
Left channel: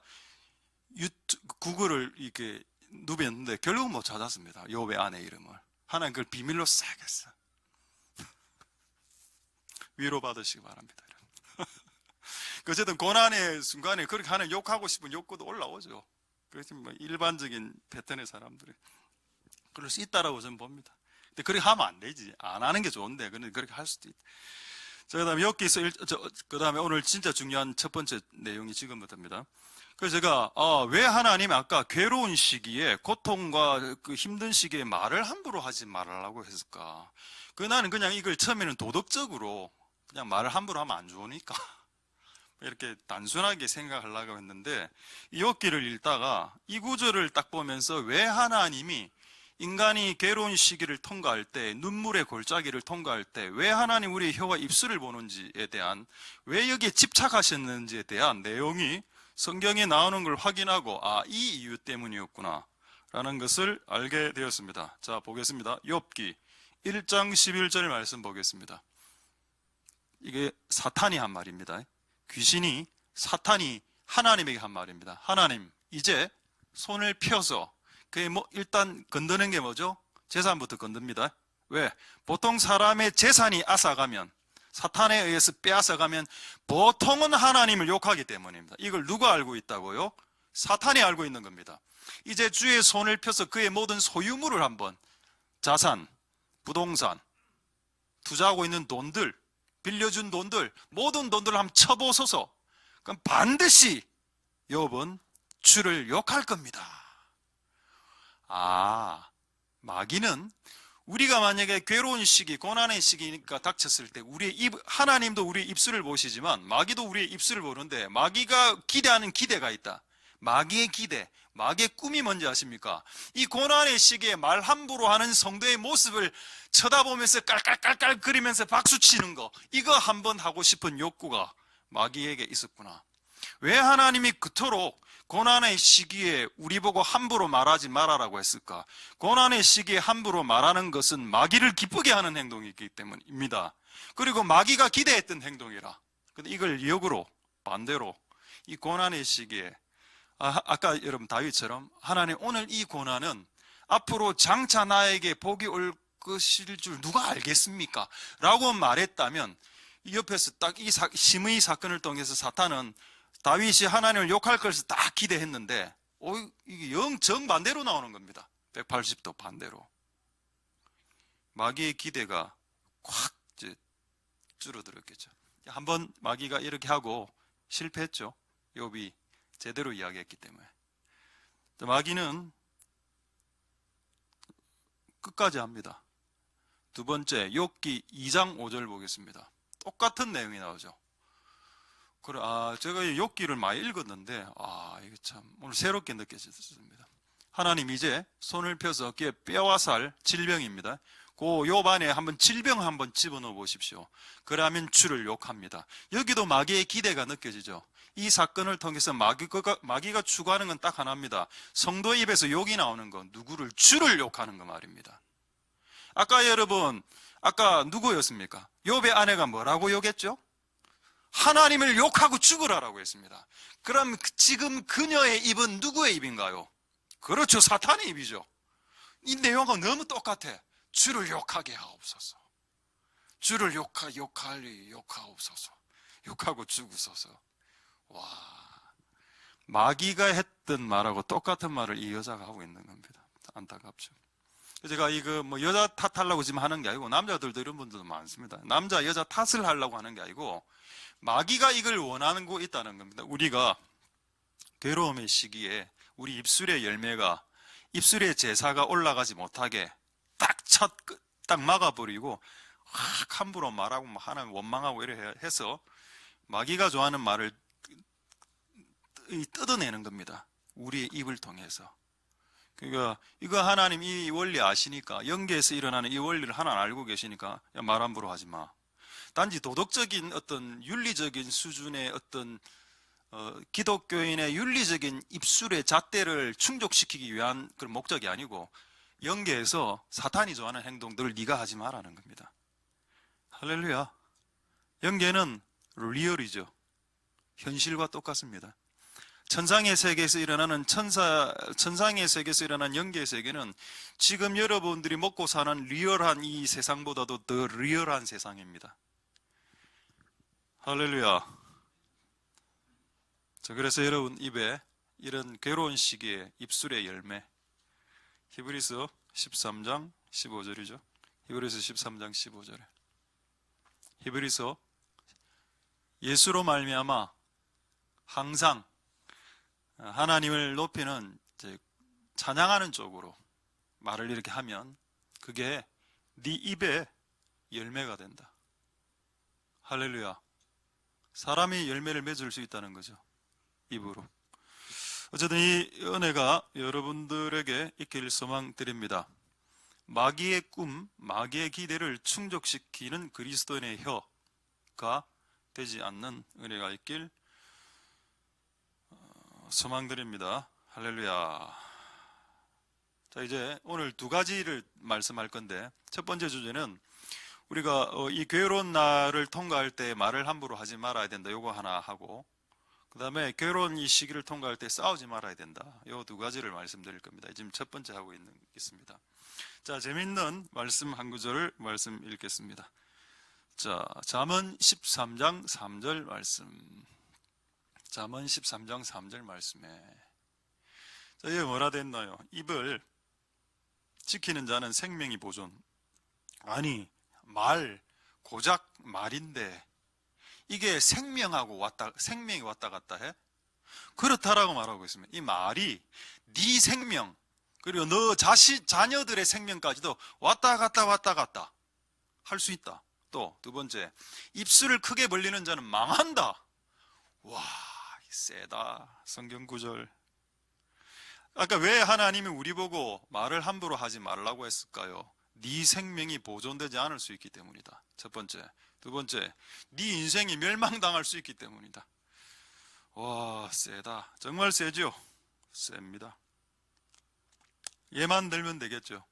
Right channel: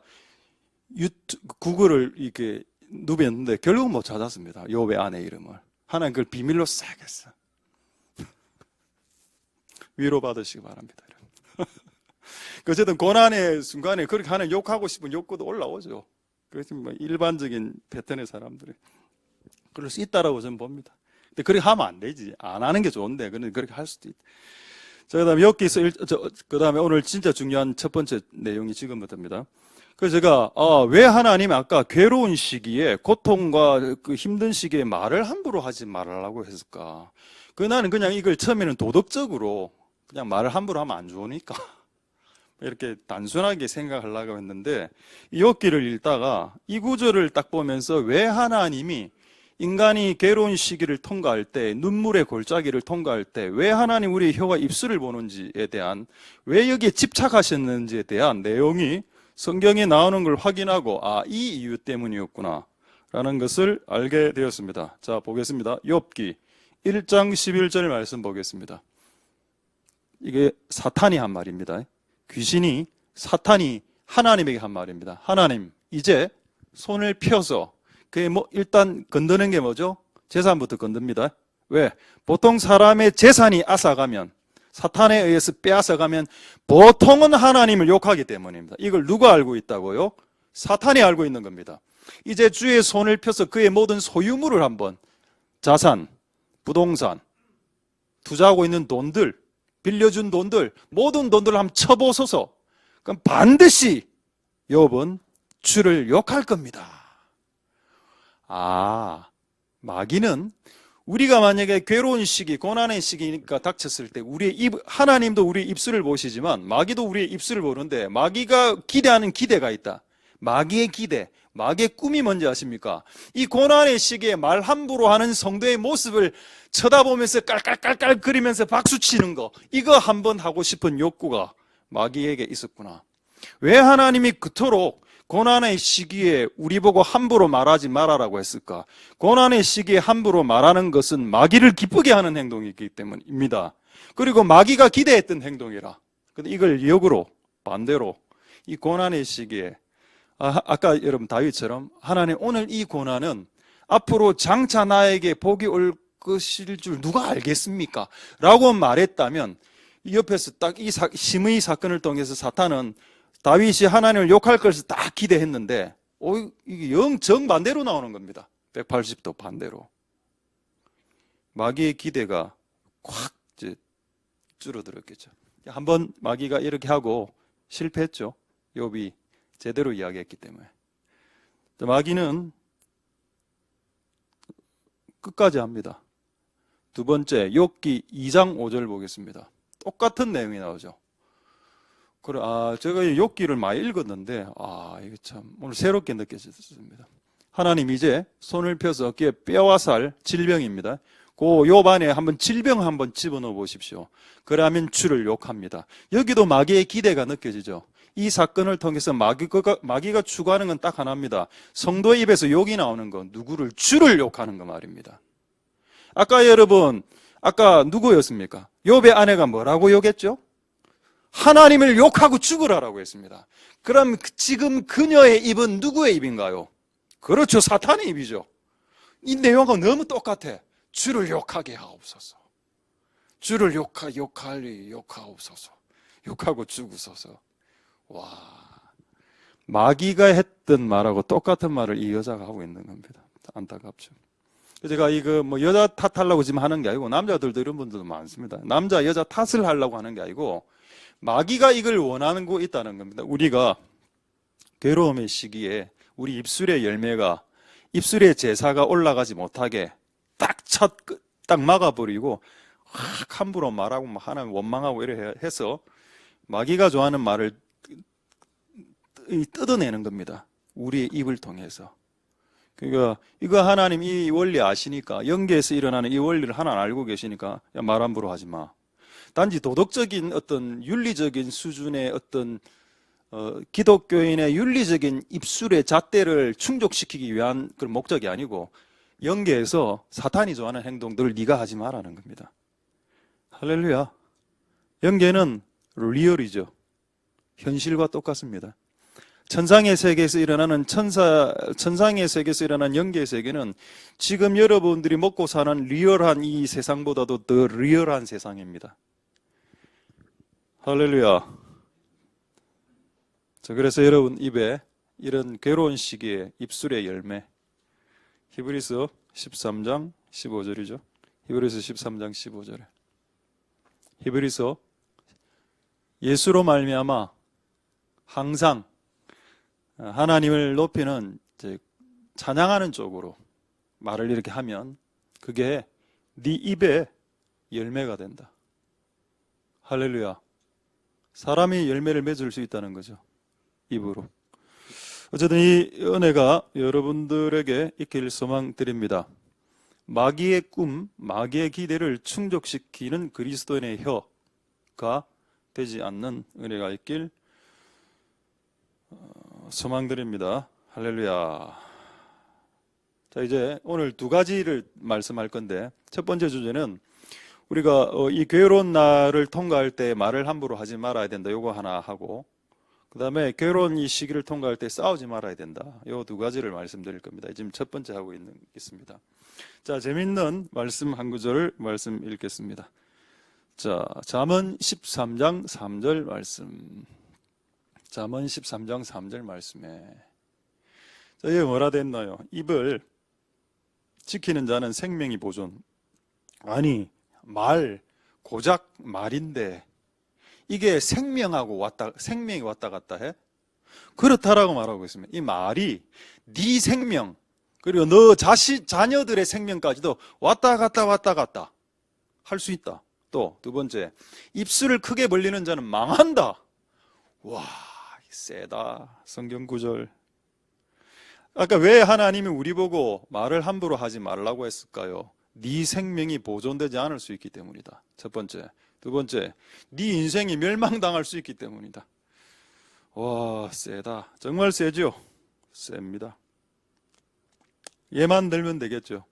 구글을 이렇게 누볐는데 결국 못 찾았습니다. 욥의 아내 이름을. 하나님 그걸 비밀로 싹 했어. 위로받으시기 바랍니다. 어쨌든 고난의 순간에 그렇게 하는 욕하고 싶은 욕구도 올라오죠. 그래서 뭐 일반적인 패턴의 사람들이 그럴 수 있다라고 저는 봅니다. 근데 그렇게 하면 안 되지. 안 하는 게 좋은데 그렇게 할 수도 있다. 자, 그다음에 여기서 그다음에 오늘 진짜 중요한 첫 번째 내용이 지금부터입니다. 그래서 제가 왜 하나님이 아까 괴로운 시기에 고통과 그 힘든 시기에 말을 함부로 하지 말라고 했을까? 나는 그냥 이걸 처음에는 도덕적으로 그냥 말을 함부로 하면 안 좋으니까 이렇게 단순하게 생각하려고 했는데, 이 욥기를 읽다가 이 구절을 딱 보면서 왜 하나님이 인간이 괴로운 시기를 통과할 때, 눈물의 골짜기를 통과할 때 왜 하나님 우리의 혀와 입술을 보는지에 대한, 왜 여기에 집착하셨는지에 대한 내용이 성경에 나오는 걸 확인하고 이 이유 때문이었구나 라는 것을 알게 되었습니다. 자, 보겠습니다. 욥기 1장 11절 말씀 보겠습니다. 이게 사탄이 한 말입니다. 귀신이, 사탄이 하나님에게 한 말입니다. 하나님, 이제 손을 펴서, 그게 일단 건드는 게 뭐죠? 재산부터 건듭니다. 왜? 보통 사람의 재산이 앗아가면, 사탄에 의해서 빼앗아가면 보통은 하나님을 욕하기 때문입니다. 이걸 누가 알고 있다고요? 사탄이 알고 있는 겁니다. 이제 주의 손을 펴서 그의 모든 소유물을 한번, 자산, 부동산, 투자하고 있는 돈들, 빌려준 돈들, 모든 돈들을 한번 쳐보소서. 그럼 반드시 욥은 주를 욕할 겁니다. 마귀는 우리가 만약에 괴로운 시기, 고난의 시기가 닥쳤을 때 하나님도 우리의 입술을 보시지만 마귀도 우리의 입술을 보는데, 마귀가 기대하는 기대가 있다. 마귀의 기대, 마귀의 꿈이 뭔지 아십니까? 이 고난의 시기에 말 함부로 하는 성도의 모습을 쳐다보면서 깔깔깔깔 거리면서 박수치는 거, 이거 한번 하고 싶은 욕구가 마귀에게 있었구나. 왜 하나님이 그토록 고난의 시기에 우리 보고 함부로 말하지 말아라고 했을까? 고난의 시기에 함부로 말하는 것은 마귀를 기쁘게 하는 행동이기 때문입니다. 그리고 마귀가 기대했던 행동이라. 근데 이걸 역으로, 반대로 이 고난의 시기에, 아까 여러분 다윗처럼 하나님, 오늘 이 고난은 앞으로 장차 나에게 복이 올 것일 줄 누가 알겠습니까? 라고 말했다면, 이 옆에서 딱 이 심의 사건을 통해서 사탄은 다윗이 하나님을 욕할 것을 딱 기대했는데, 이게 영 정반대로 나오는 겁니다. 180도 반대로. 마귀의 기대가 확 줄어들었겠죠. 한번 마귀가 이렇게 하고 실패했죠. 욥이 제대로 이야기했기 때문에. 마귀는 끝까지 합니다. 두 번째, 욥기 2장 5절 보겠습니다. 똑같은 내용이 나오죠. 그래, 제가 욥기를 많이 읽었는데, 이게 참 오늘 새롭게 느껴졌습니다. 하나님, 이제 손을 펴서 어깨에 뼈와 살, 질병입니다. 그 욥 안에 한번 질병 한번 집어넣어 보십시오. 그러면 주를 욕합니다. 여기도 마귀의 기대가 느껴지죠. 이 사건을 통해서 마귀가 추구하는 건 딱 하나입니다. 성도의 입에서 욕이 나오는 건 누구를? 주를 욕하는 거 말입니다. 아까 누구였습니까? 욥의 아내가 뭐라고 욕했죠? 하나님을 욕하고 죽으라라고 했습니다. 그럼 지금 그녀의 입은 누구의 입인가요? 그렇죠, 사탄의 입이죠. 이 내용과 너무 똑같아. 주를 욕하게 하옵소서. 주를 욕하옵소서. 욕하고 죽으소서. 와, 마귀가 했던 말하고 똑같은 말을 이 여자가 하고 있는 겁니다. 안타깝죠. 제가 이거 여자 탓하려고 지금 하는 게 아니고, 남자들도 이런 분들도 많습니다. 남자 여자 탓을 하려고 하는 게 아니고, 마귀가 이걸 원하는 거 있다는 겁니다. 우리가 괴로움의 시기에 우리 입술의 열매가, 입술의 제사가 올라가지 못하게 딱 막아버리고 함부로 말하고 하나님 원망하고 이래 해서 마귀가 좋아하는 말을 뜯어내는 겁니다. 우리의 입을 통해서. 그러니까 이거 하나님 이 원리 아시니까, 영계에서 일어나는 이 원리를 하나님 알고 계시니까 말 함부로 하지 마. 단지 도덕적인 어떤 윤리적인 수준의 어떤 기독교인의 윤리적인 입술의 잣대를 충족시키기 위한 그런 목적이 아니고, 영계에서 사탄이 좋아하는 행동들을 네가 하지 마라는 겁니다. 할렐루야. 영계는 리얼이죠. 현실과 똑같습니다. 천상의 세계에서 일어나는 천상의 세계에서 일어난 영계의 세계는 지금 여러분들이 먹고 사는 리얼한 이 세상보다도 더 리얼한 세상입니다. 할렐루야. 그래서 여러분 입에 이런 괴로운 시기에 입술의 열매, 히브리서 13장 15절이죠. 히브리서 13장 15절에 히브리서 예수로 말미암아 항상 하나님을 높이는, 찬양하는 쪽으로 말을 이렇게 하면 그게 네 입에 열매가 된다. 할렐루야. 사람이 열매를 맺을 수 있다는 거죠. 입으로. 어쨌든 이 은혜가 여러분들에게 있길 소망드립니다. 마귀의 꿈, 마귀의 기대를 충족시키는 그리스도인의 혀가 되지 않는 은혜가 있길 소망드립니다. 할렐루야. 자, 이제 오늘 두 가지를 말씀할 건데, 첫 번째 주제는 우리가 이 괴로운 날을 통과할 때 말을 함부로 하지 말아야 된다. 요거 하나 하고, 그 다음에 괴로운 이 시기를 통과할 때 싸우지 말아야 된다. 요 두 가지를 말씀드릴 겁니다. 지금 첫 번째 하고 있습니다. 자, 재밌는 말씀 한 구절을 말씀 읽겠습니다. 자, 잠언 13장 3절 말씀. 잠언 13장 3절 말씀에. 자, 이게 뭐라 됐나요? 입을 지키는 자는 생명이 보존. 아니, 고작 말인데 이게 생명이 왔다 갔다 해? 그렇다라고 말하고 있습니다. 이 말이 네 생명 그리고 너 자녀들의 생명까지도 왔다 갔다 할 수 있다. 또 두 번째, 입술을 크게 벌리는 자는 망한다. 와, 세다. 성경 구절. 아까 왜 하나님이 우리 보고 말을 함부로 하지 말라고 했을까요? 네 생명이 보존되지 않을 수 있기 때문이다. 첫 번째. 두 번째, 네 인생이 멸망당할 수 있기 때문이다. 와, 세다. 정말 세죠? 셉니다. 예만 들면 되겠죠.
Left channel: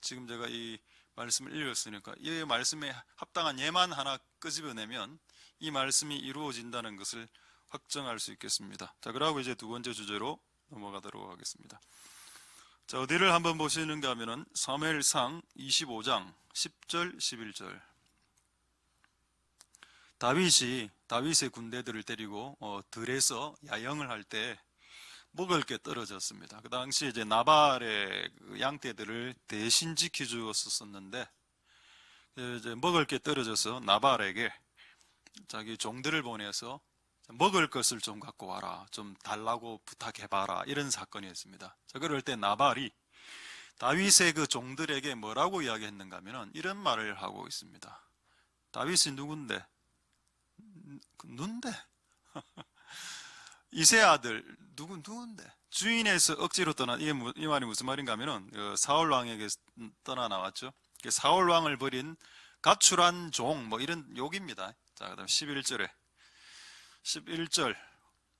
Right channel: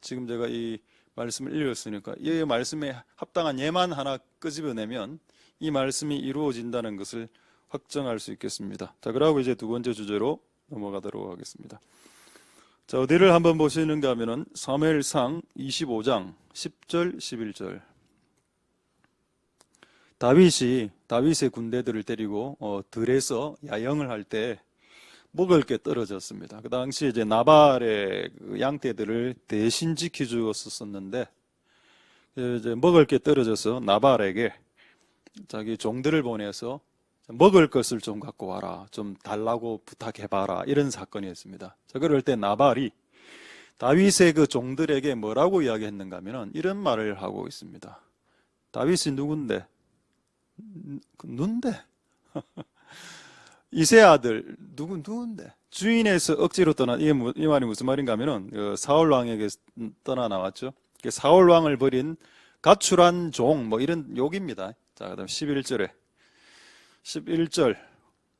지금 제가 이 말씀을 읽었으니까 이 말씀에 합당한 예만 하나 끄집어내면 이 말씀이 이루어진다는 것을 확정할 수 있겠습니다. 자, 그러고 이제 두 번째 주제로 넘어가도록 하겠습니다. 자, 어디를 한번 보시는가 하면은 사무엘상 25장 10절 11절. 다윗의 군대들을 데리고 들에서 야영을 할 때 먹을 게 떨어졌습니다. 그 당시 이제 나발의 양떼들을 대신 지켜주었었는데 이제 먹을 게 떨어져서 나발에게 자기 종들을 보내서 먹을 것을 좀 갖고 와라, 좀 달라고 부탁해봐라, 이런 사건이었습니다. 자, 그럴 때 나발이 다윗의 그 종들에게 뭐라고 이야기했는가 하면은 이런 말을 하고 있습니다. 다윗이 누군데? 누군데? 이세 아들 누군데? 주인에서 억지로 떠난 이 말이 무슨 말인가 하면은 사울 왕에게 떠나 나왔죠. 사울 왕을 버린 가출한 종 뭐 이런 욕입니다. 자, 그다음 11절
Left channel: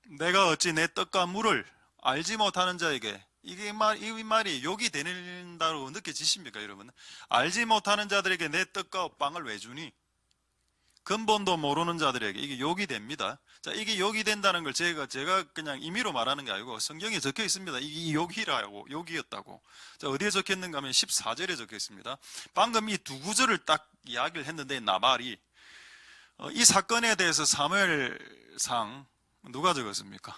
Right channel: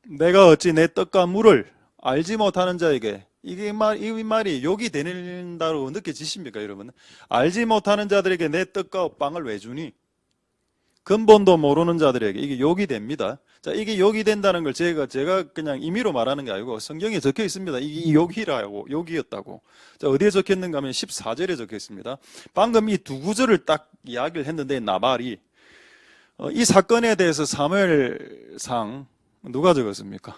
내가 어찌 내 떡과 물을 알지 못하는 자에게 이 말이 욕이 되는다고 느껴지십니까, 여러분? 알지 못하는 자들에게 내 떡과 빵을 왜 주니? 근본도 모르는 자들에게 이게 욕이 됩니다. 자, 이게 욕이 된다는 걸 제가 그냥 임의로 말하는 게 아니고 성경에 적혀 있습니다. 이게 욕이었다고. 자, 어디에 적혔는가 하면 14절에 적혀 있습니다. 방금 이 두 구절을 딱 이야기를 했는데 나발이 이 사건에 대해서 사무엘상 누가 적었습니까?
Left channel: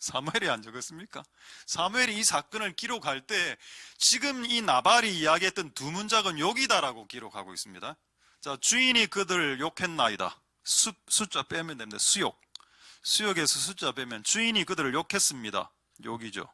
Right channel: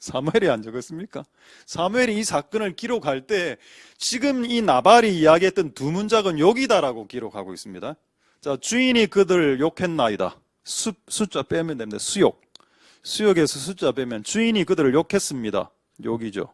사무엘이 안 적었습니까? 사무엘이 이 사건을 기록할 때 지금 이 나발이 이야기했던 두 문장은 욕이다라고 기록하고 있습니다. 자, 주인이 그들을 욕했나이다. 숫자 빼면 됩니다. 수욕에서 숫자 빼면 주인이 그들을 욕했습니다. 욕이죠.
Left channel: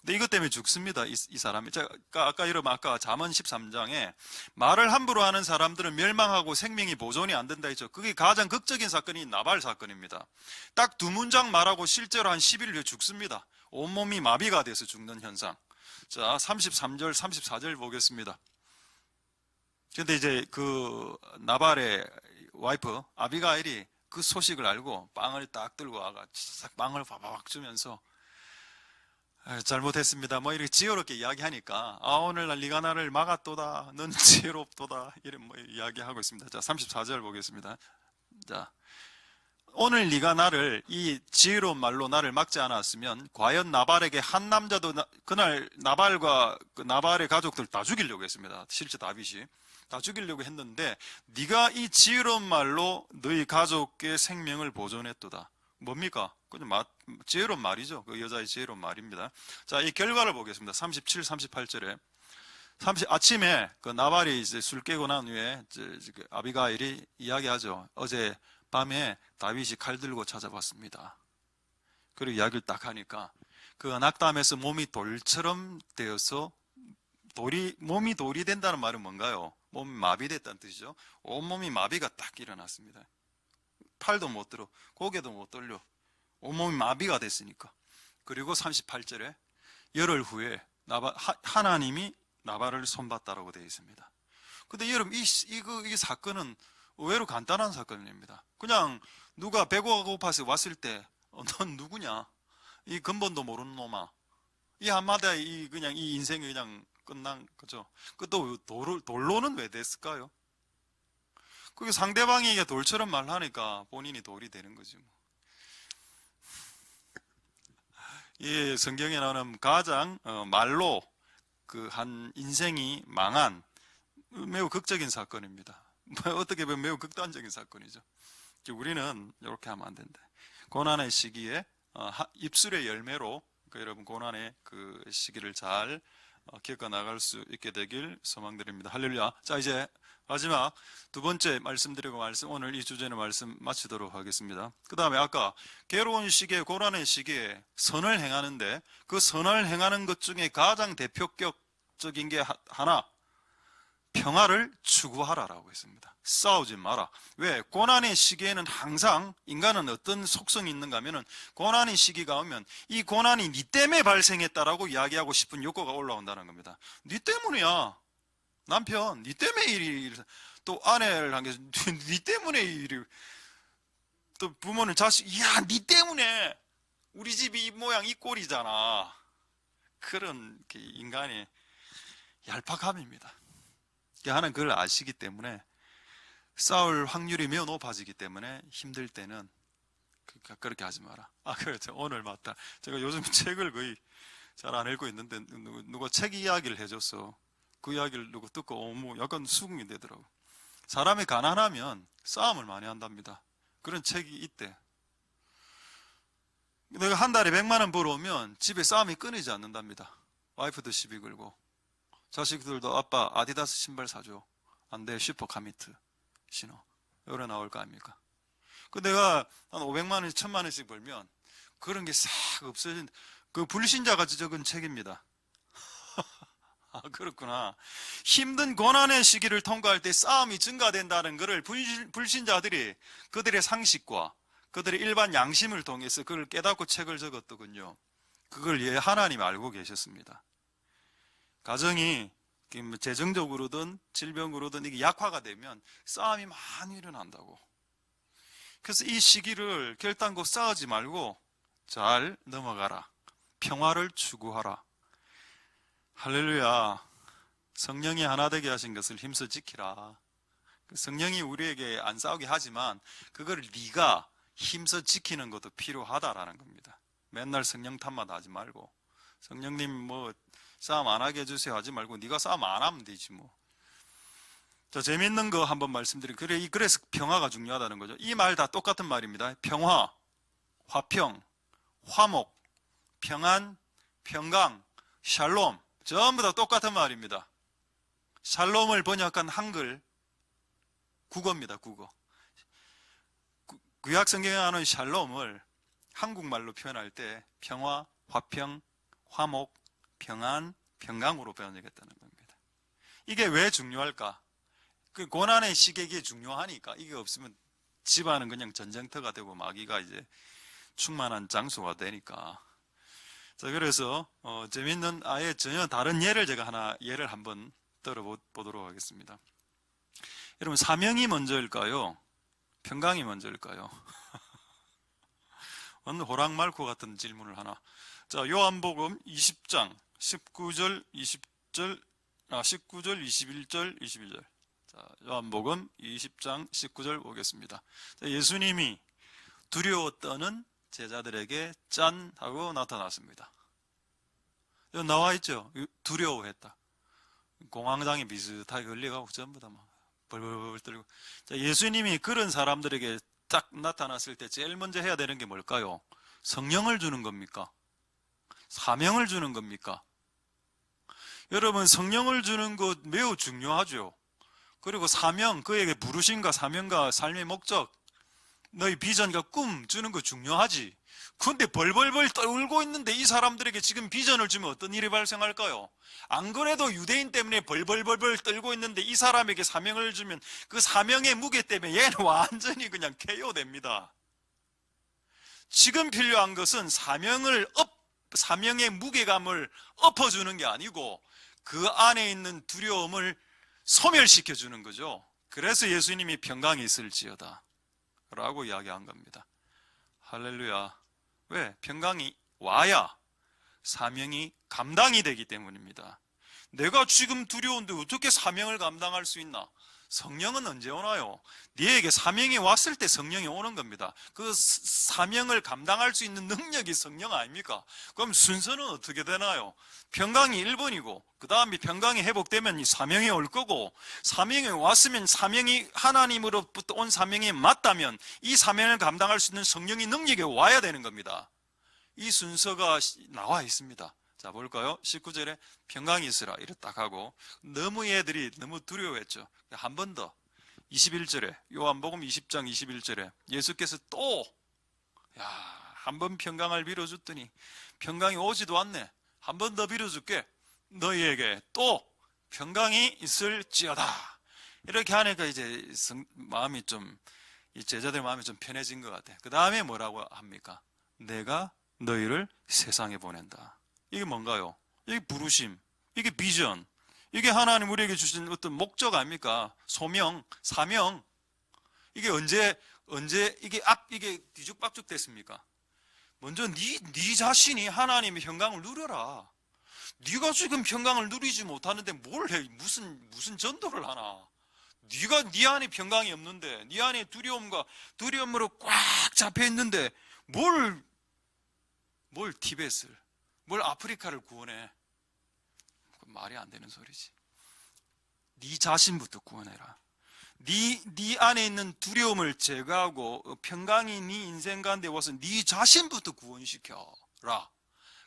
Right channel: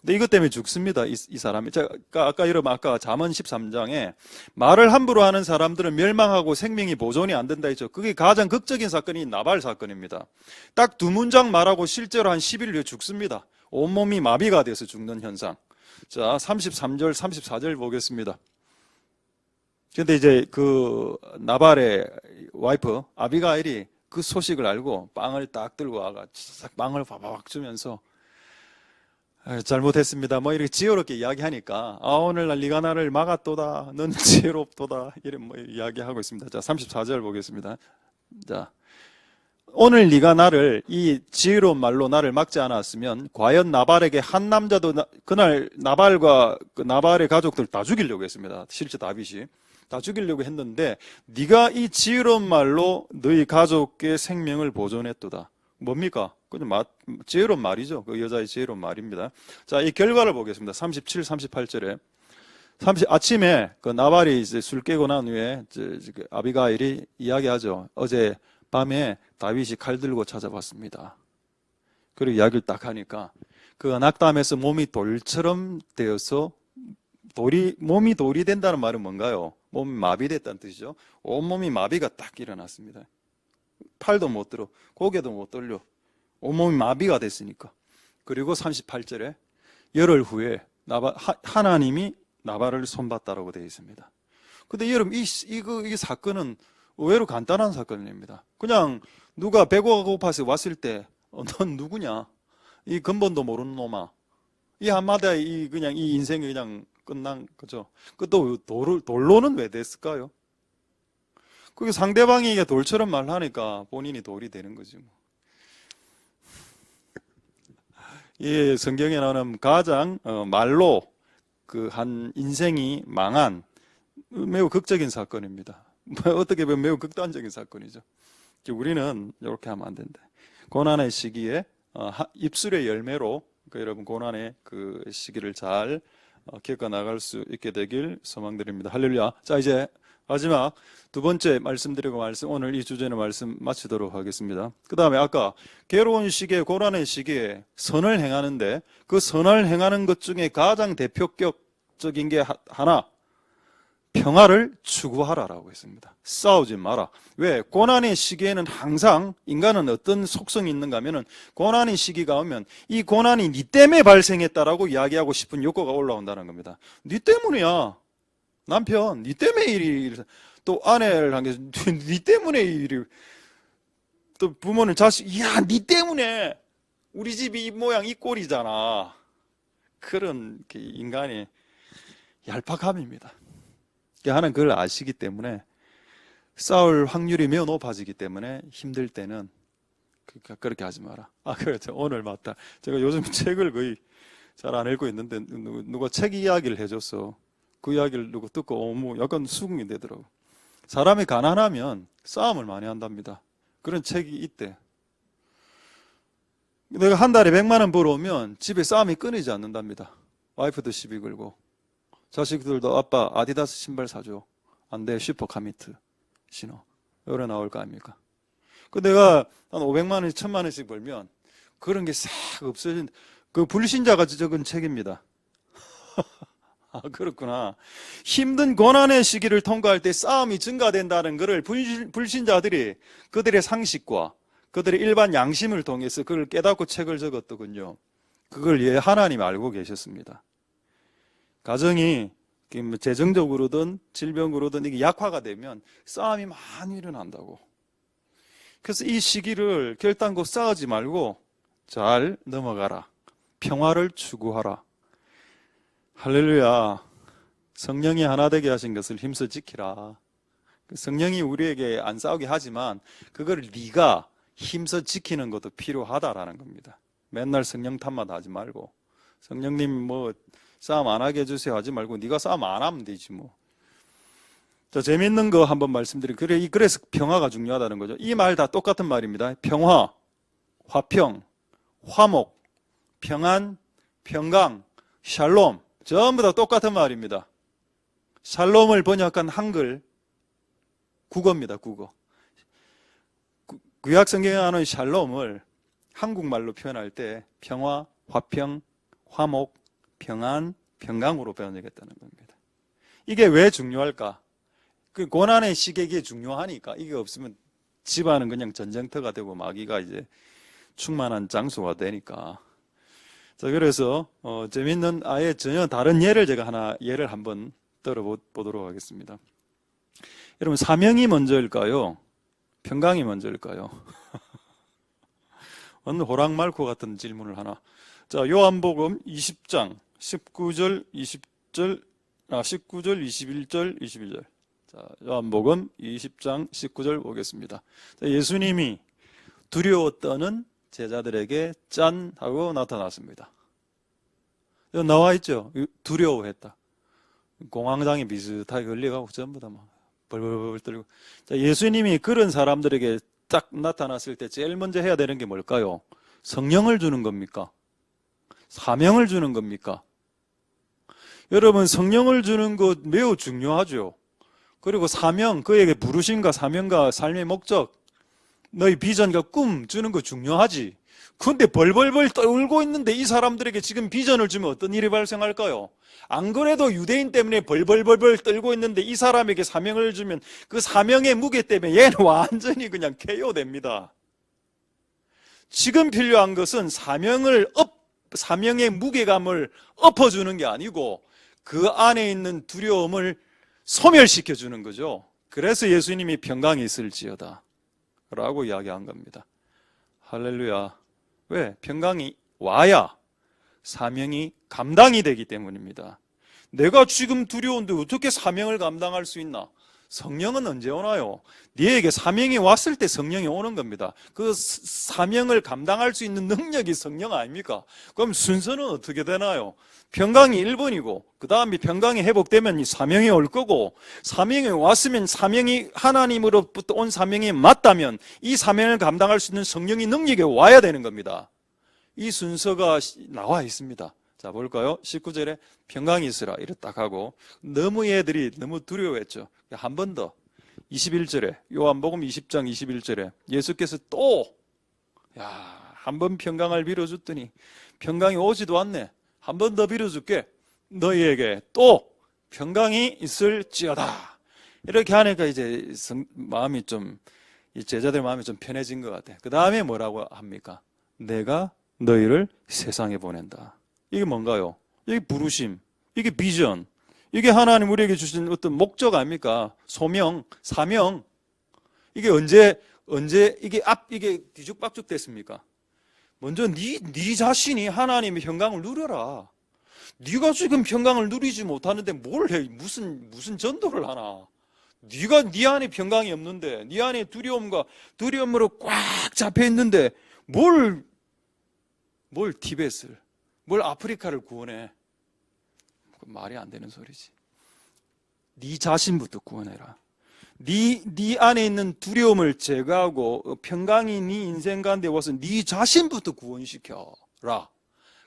근데 이것 때문에 죽습니다. 이 사람이. 아까 잠언 13장에 말을 함부로 하는 사람들은 멸망하고 생명이 보존이 안 된다 했죠. 그게 가장 극적인 사건이 나발 사건입니다. 딱 두 문장 말하고 실제로 한 10일 후에 죽습니다. 온몸이 마비가 돼서 죽는 현상. 자, 33절, 34절 보겠습니다. 근데 이제 그 나발의 와이프 아비가일이 그 소식을 알고 빵을 딱 들고 와가 빵을 바바박 주면서 잘못했습니다 뭐 이렇게 지혜롭게 이야기하니까 오늘날 네가 나를 막았도다, 넌 지혜롭도다, 이런 뭐 이야기하고 있습니다. 자, 34절 보겠습니다. 자, 오늘 네가 나를 이 지혜로운 말로 나를 막지 않았으면 과연 나발에게 한 남자도 그날 나발과 그 나발의 가족들 다 죽이려고 했습니다. 실제 다윗이 다 죽이려고 했는데 네가 이 지혜로운 말로 너희 가족의 생명을 보존했도다. 뭡니까? 그냥 지혜로운 말이죠. 그 여자의 지혜로운 말입니다. 자, 이 결과를 보겠습니다. 37, 38절에 아침에 그 나발이 이제 술 깨고 난 후에 그 아비가일이 이야기하죠. 어제 밤에 다윗이 칼 들고 찾아왔습니다. 그리고 이야기를 딱 하니까 그 낙담에서 몸이 돌처럼 되어서 몸이 돌이 된다는 말은 뭔가요? 몸이 마비됐다는 뜻이죠. 온몸이 마비가 딱 일어났습니다. 팔도 못 들어, 고개도 못 돌려. 온몸이 마비가 됐으니까. 그리고 38절에 열흘 후에 하나님이 나발을 손봤다라고 되어 있습니다. 근데 여러분, 이 사건은 의외로 간단한 사건입니다. 그냥 누가 배고파 고파서 왔을 때 넌 누구냐? 이 근본도 모르는 놈아, 이 한마디에 그냥 이 인생이 그냥 끝난 거죠. 또 돌로는 왜 됐을까요? 그게 상대방이 이게 돌처럼 말하니까 본인이 돌이 되는 거지 뭐. 이 성경에 나오는 가장 말로 그 한 인생이 망한 매우 극적인 사건입니다. 어떻게 보면 매우 극단적인 사건이죠. 우리는 이렇게 하면 안 된다. 고난의 시기에 입술의 열매로 여러분 고난의 그 시기를 잘 겪어 나갈 수 있게 되길 소망드립니다. 할렐루야. 자, 이제 마지막 두 번째 말씀드리고 오늘 이 주제는 말씀 마치도록 하겠습니다. 그 다음에 아까 괴로운 시기에 고난의 시기에 선을 행하는데 그 선을 행하는 것 중에 가장 대표격적인 게 하나, 평화를 추구하라라고 했습니다. 싸우지 마라. 왜? 고난의 시기에는 항상 인간은 어떤 속성이 있는가 하면은 고난의 시기가 오면 이 고난이 니 때문에 발생했다라고 이야기하고 싶은 욕구가 올라온다는 겁니다. 니 때문이야. 남편, 니 때문에 일이, 또 아내를 한 게, 니 때문에 일이, 또 부모는 자식, 야, 니 때문에 우리 집이 이 모양 이 꼴이잖아. 그런 인간의 얄팍함입니다. 하나는 그걸 아시기 때문에 싸울 확률이 매우 높아지기 때문에 힘들 때는 그렇게 하지 마라. 아, 그렇죠. 오늘 맞다. 제가 요즘 책을 거의 잘 안 읽고 있는데 누가 책 이야기를 해줬어. 그 이야기를 누가 듣고 뭐 약간 수긍이 되더라고. 사람이 가난하면 싸움을 많이 한답니다. 그런 책이 있대. 내가 한 달에 100만 원 벌어오면 집에 싸움이 끊이지 않는답니다. 와이프도 시비 걸고 자식들도 아빠 아디다스 신발 사줘. 안 돼, 슈퍼 카미트 신어. 요래 나올 거 아닙니까? 그 내가 한 500만 원씩 1000만 원씩 벌면 그런 게 싹 없어진, 그 불신자가 적은 책입니다. 아, 그렇구나. 힘든 고난의 시기를 통과할 때 싸움이 증가된다는 것을 불신자들이 그들의 상식과 그들의 일반 양심을 통해서 그걸 깨닫고 책을 적었더군요. 그걸 하나님 알고 계셨습니다. 가정이 재정적으로든 질병으로든 이게 약화가 되면 싸움이 많이 일어난다고. 그래서 이 시기를 결단코 싸우지 말고 잘 넘어가라. 평화를 추구하라. 할렐루야. 성령이 하나 되게 하신 것을 힘써 지키라. 성령이 우리에게 안 싸우게 하지만 그걸 네가 힘써 지키는 것도 필요하다라는 겁니다. 맨날 성령 탓만 하지 말고, 성령님 뭐 싸움 안 하게 해주세요 하지 말고 네가 싸움 안 하면 되지 뭐. 자, 재밌는 거 한번 말씀드릴게요. 그래서 평화가 중요하다는 거죠. 이 말 다 똑같은 말입니다. 평화, 화평, 화목, 평안, 평강, 샬롬, 전부 다 똑같은 말입니다. 샬롬을 번역한 한글 국어입니다. 국어. 구약 성경에 나오는 샬롬을 한국말로 표현할 때 평화, 화평, 화목, 평안, 평강으로 번역했다는 겁니다. 이게 왜 중요할까? 그 고난의 시기에 중요하니까. 이게 없으면 집안은 그냥 전쟁터가 되고 마귀가 이제 충만한 장소가 되니까. 자, 그래서 재밌는 아예 전혀 다른 예를 한번 들어보도록 하겠습니다. 여러분, 사명이 먼저일까요? 평강이 먼저일까요? 어느 호랑말코 같은 질문을 하나. 자, 요한복음 20장 19절 21절. 자, 요한복음 20장 19절 보겠습니다. 자, 예수님이 두려워 떠는 제자들에게 짠 하고 나타났습니다. 여기 나와 있죠. 두려워했다. 공황장애 비슷하게 걸려가고 전부 다 막 벌벌벌 떨고. 자, 예수님이 그런 사람들에게 딱 나타났을 때 제일 먼저 해야 되는 게 뭘까요? 성령을 주는 겁니까? 사명을 주는 겁니까? 여러분, 성령을 주는 것 매우 중요하죠. 그리고 사명, 그에게 부르심과 사명과 삶의 목적, 너희 비전과 꿈 주는 거 중요하지. 근데 벌벌벌 떨고 있는데 이 사람들에게 지금 비전을 주면 어떤 일이 발생할까요? 안 그래도 유대인 때문에 벌벌벌 떨고 있는데 이 사람에게 사명을 주면 그 사명의 무게 때문에 얘는 완전히 그냥 KO 됩니다. 지금 필요한 것은 사명의 무게감을 엎어주는 게 아니고 그 안에 있는 두려움을 소멸시켜주는 거죠. 그래서 예수님이 평강이 있을지어다 라고 이야기한 겁니다. 할렐루야. 왜? 평강이 와야 사명이 감당이 되기 때문입니다. 내가 지금 두려운데 어떻게 사명을 감당할 수 있나? 성령은 언제 오나요? 네에게 사명이 왔을 때 성령이 오는 겁니다. 그 사명을 감당할 수 있는 능력이 성령 아닙니까? 그럼 순서는 어떻게 되나요? 평강이 1번이고 그 다음에 평강이 회복되면 이 사명이 올 거고, 사명이 왔으면 사명이 하나님으로부터 온 사명이 맞다면 이 사명을 감당할 수 있는 성령이 능력이 와야 되는 겁니다. 이 순서가 나와 있습니다. 자, 볼까요? 19절에 평강이 있으라 이렇게 딱 하고, 너무 얘들이 너무 두려워했죠. 한 번 더 21절에 요한복음 20장 21절에 예수께서 또 한 번 평강을 빌어줬더니 평강이 오지도 않네. 한 번 더 빌어줄게. 너희에게 또 평강이 있을지어다. 이렇게 하니까 이제 마음이 좀, 이 제자들 마음이 좀 편해진 것 같아요. 그 다음에 뭐라고 합니까? 내가 너희를 세상에 보낸다. 이게 뭔가요? 이게 부르심, 이게 비전, 이게 하나님 우리에게 주신 어떤 목적 아닙니까? 소명, 사명. 이게 언제 이게 뒤죽박죽 됐습니까? 먼저 네 자신이 하나님의 평강을 누려라. 네가 지금 평강을 누리지 못하는데 뭘 해? 무슨 전도를 하나? 네 안에 평강이 없는데, 네 안에 두려움으로 꽉 잡혀 있는데 뭘 티벳을, 뭘 아프리카를 구원해? 말이 안 되는 소리지. 네 자신부터 구원해라. 네 안에 있는 두려움을 제거하고 평강이 네 인생 가운데 와서 네 자신부터 구원시켜라.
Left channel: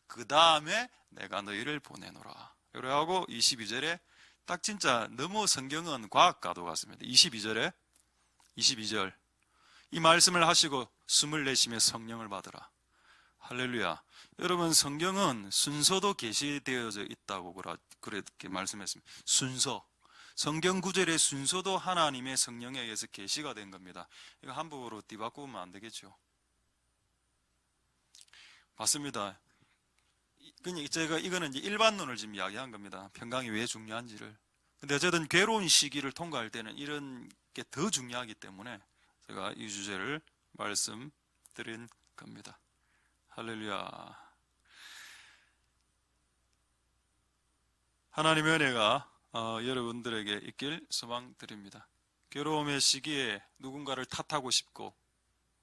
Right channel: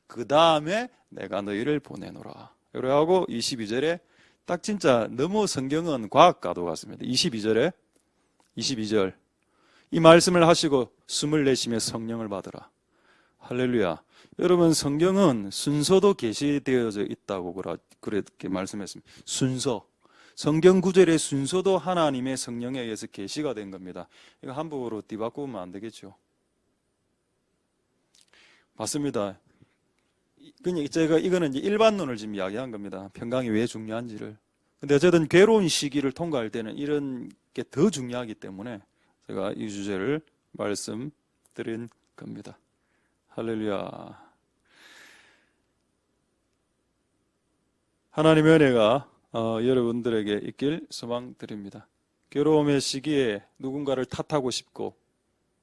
그 다음에 내가 너희를 보내노라. 이러하고 22절에 딱 진짜 너무 성경은 과학과도 같습니다. 22절 이 말씀을 하시고 숨을 내쉬며 성령을 받으라. 할렐루야. 여러분, 성경은 순서도 계시되어져 있다고 그렇게 말씀했습니다. 순서, 성경 구절의 순서도 하나님의 성령에 의해서 계시가 된 겁니다. 이거 함부로 뒤바꾸면 안 되겠죠. 맞습니다. 그냥 제가 이거는 이제 일반론을 지금 이야기한 겁니다. 평강이 왜 중요한지를. 근데 어쨌든 괴로운 시기를 통과할 때는 이런 게 더 중요하기 때문에 제가 이 주제를 말씀드린 겁니다. 할렐루야. 하나님의 은혜가 여러분들에게 있길 소망드립니다. 괴로움의 시기에 누군가를 탓하고 싶고